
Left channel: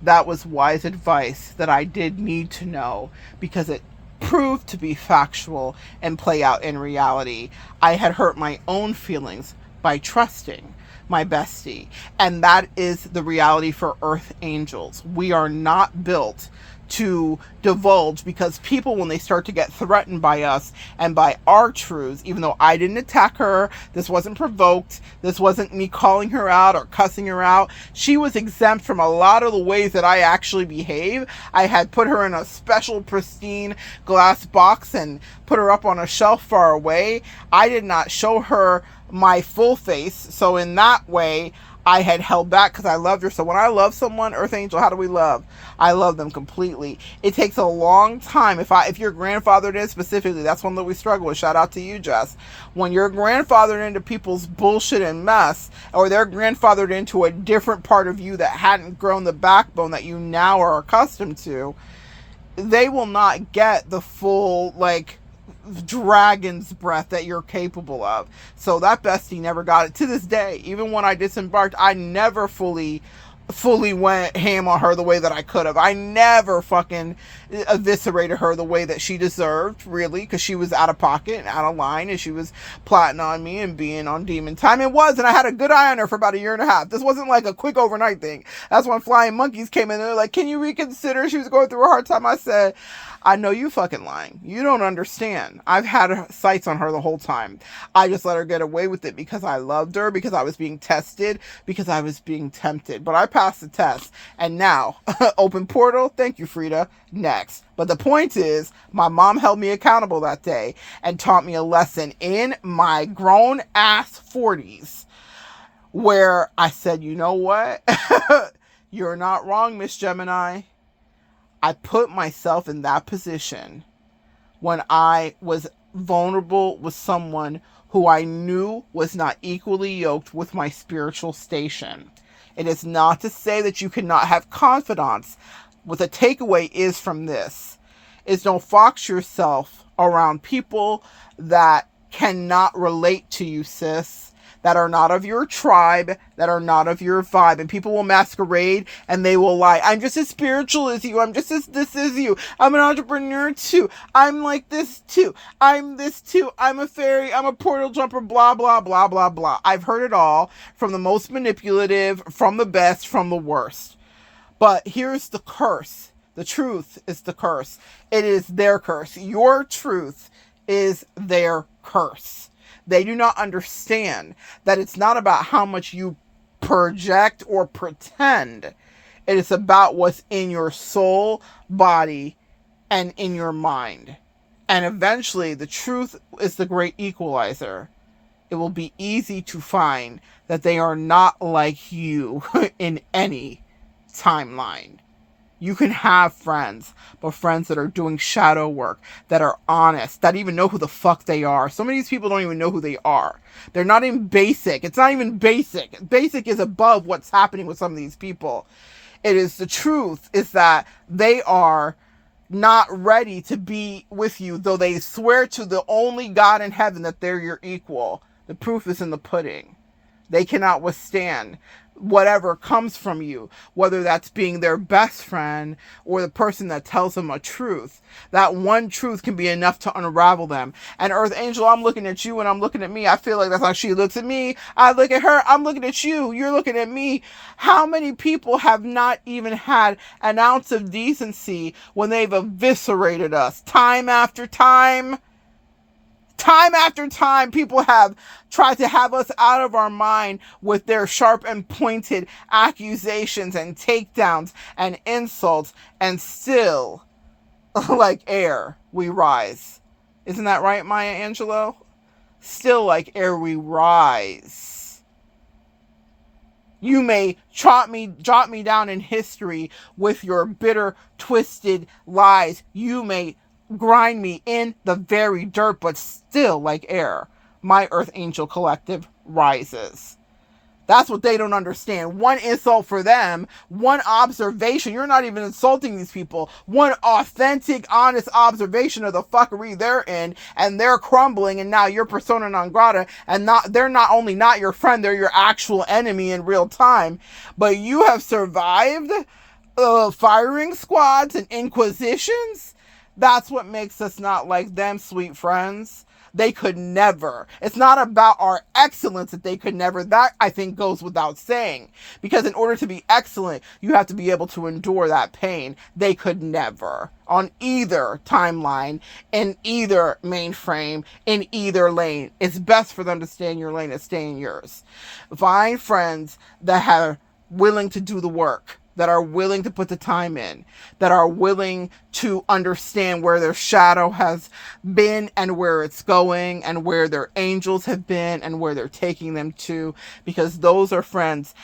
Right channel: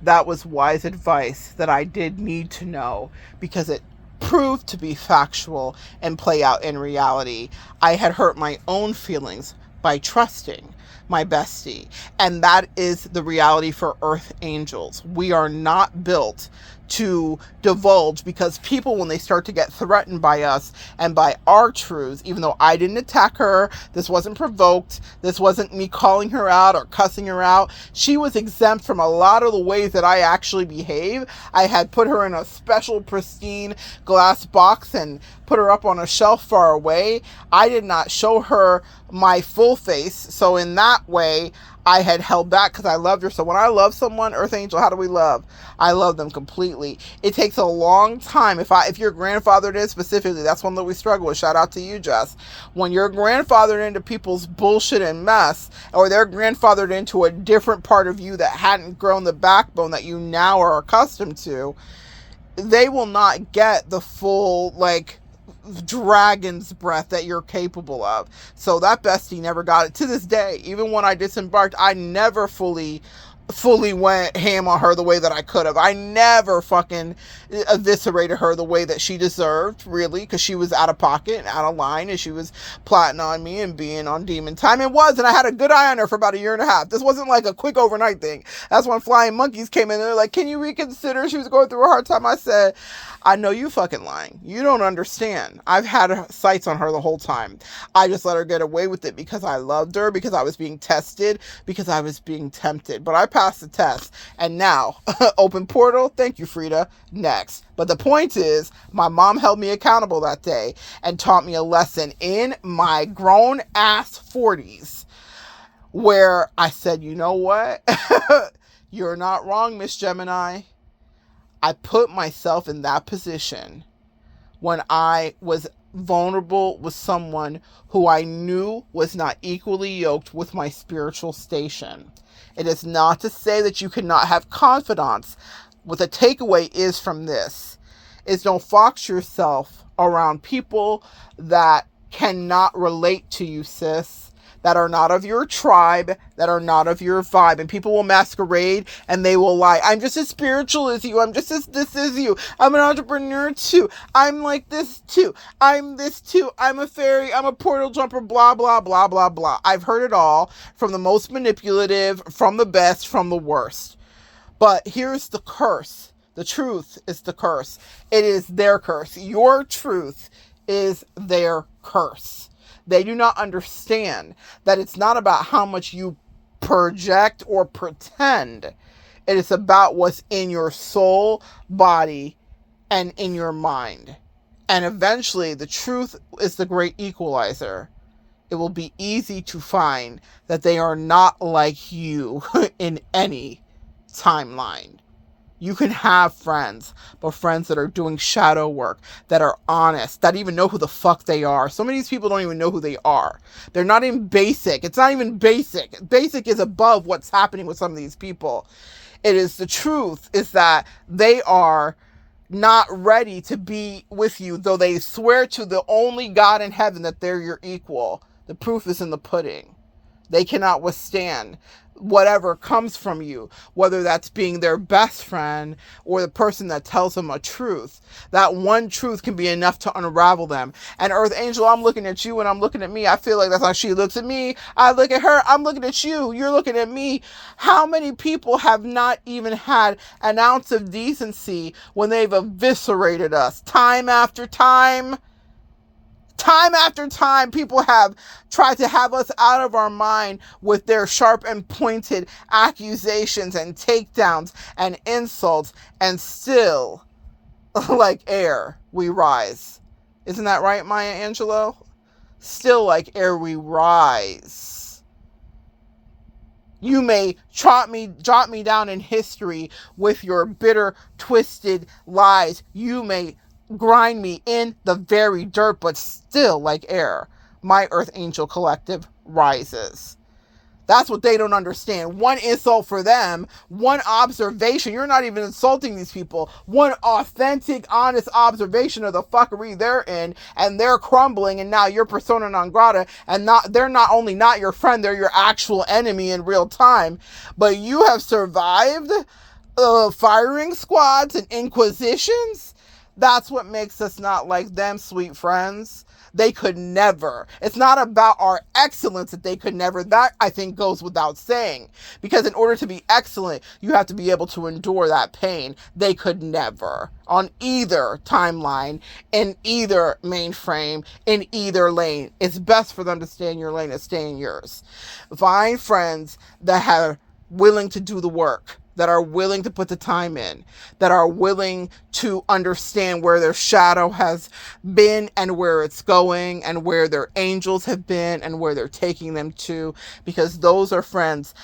That was wise advice that I did need to know, because it proved to be factual and play out in reality. I had hurt my own feelings by trusting my bestie. And that is the reality for earth angels. We are not built to divulge, because people, when they start to get threatened by us and by our truths, even though I didn't attack her, this wasn't provoked, this wasn't me calling her out or cussing her out, she was exempt from a lot of the ways that I actually behave. I had put her in a special pristine glass box and put her up on a shelf far away. I did not show her my full face, so in that way I had held back because I loved her. So when I love someone, earth angel, how do we love? I love them completely. It takes a long time. If you're grandfathered in specifically, that's one that we struggle with. Shout out to you, Jess. When you're grandfathered into people's bullshit and mess, or they're grandfathered into a different part of you that hadn't grown the backbone that you now are accustomed to, they will not get the full, dragon's breath that you're capable of. So that bestie never got it. To this day, even when I disembarked, I never fully went ham on her the way that I could have. I never fucking eviscerated her the way that she deserved, really, because she was out of pocket and out of line, and she was plotting on me and being on demon time. It was, and I had a good eye on her for about a year and a half. This wasn't like a quick overnight thing. That's when flying monkeys came in. They're like, can you reconsider? She was going through a hard time. I said, I know you fucking lying. You don't understand. I've had sights on her the whole time. I just let her get away with it because I loved her, because I was being tested, because I was being tempted. But I passed the test. And now, open portal. Thank you, Frida. Next. But the point is, my mom held me accountable that day and taught me a lesson in my grown ass 40s, where I said, you know what? You're not wrong, Miss Gemini. I put myself in that position when I was vulnerable with someone who I knew was not equally yoked with my spiritual station. It is not to say that you cannot have confidants. What the takeaway is from this is, don't fox yourself around people that cannot relate to you, sis. That are not of your tribe, that are not of your vibe. And people will masquerade and they will lie. I'm just as spiritual as you. I'm just as this as you. I'm an entrepreneur too. I'm like this too. I'm this too. I'm a fairy. I'm a portal jumper. Blah, blah, blah, blah, blah. I've heard it all, from the most manipulative, from the best, from the worst. But here's the curse. The truth is the curse. It is their curse. Your truth is their curse. They do not understand that it's not about how much you project or pretend. It is about what's in your soul, body, and in your mind. And eventually, the truth is the great equalizer. It will be easy to find that they are not like you in any timeline. You can have friends, but friends that are doing shadow work, that are honest, that even know who the fuck they are. Some of these people don't even know who they are. They're not even basic. It's not even basic. Basic is above what's happening with some of these people. It is the truth is that they are not ready to be with you, though they swear to the only God in heaven that they're your equal. The proof is in the pudding. They cannot withstand whatever comes from you, whether that's being their best friend or the person that tells them a truth. That one truth can be enough to unravel them. And Earth Angel, I'm looking at you and I'm looking at me. I feel like that's how she looks at me. I look at her. I'm looking at you. You're looking at me. How many people have not even had an ounce of decency when they've eviscerated us time after time? Time after time, people have tried to have us out of our mind with their sharp and pointed accusations and takedowns and insults, and still, like air, we rise. Isn't that right, Maya Angelou? Still like air, we rise. You may jot me down in history with your bitter, twisted lies. You may grind me in the very dirt, but still like air, my Earth Angel Collective rises. That's what they don't understand. One insult for them, one observation. You're not even insulting these people. One authentic, honest observation of the fuckery they're in, and they're crumbling, and now you're persona non grata, and they're not only not your friend, they're your actual enemy in real time. But you have survived firing squads and inquisitions. That's what makes us not like them, sweet friends. They could never. It's not about our excellence that they could never. That, I think, goes without saying. Because in order to be excellent, you have to be able to endure that pain. They could never. On either timeline, in either mainframe, in either lane. It's best for them to stay in your lane and stay in yours. Find friends that are willing to do the work, that are willing to put the time in, that are willing to understand where their shadow has been and where it's going and where their angels have been and where they're taking them to, because those are friends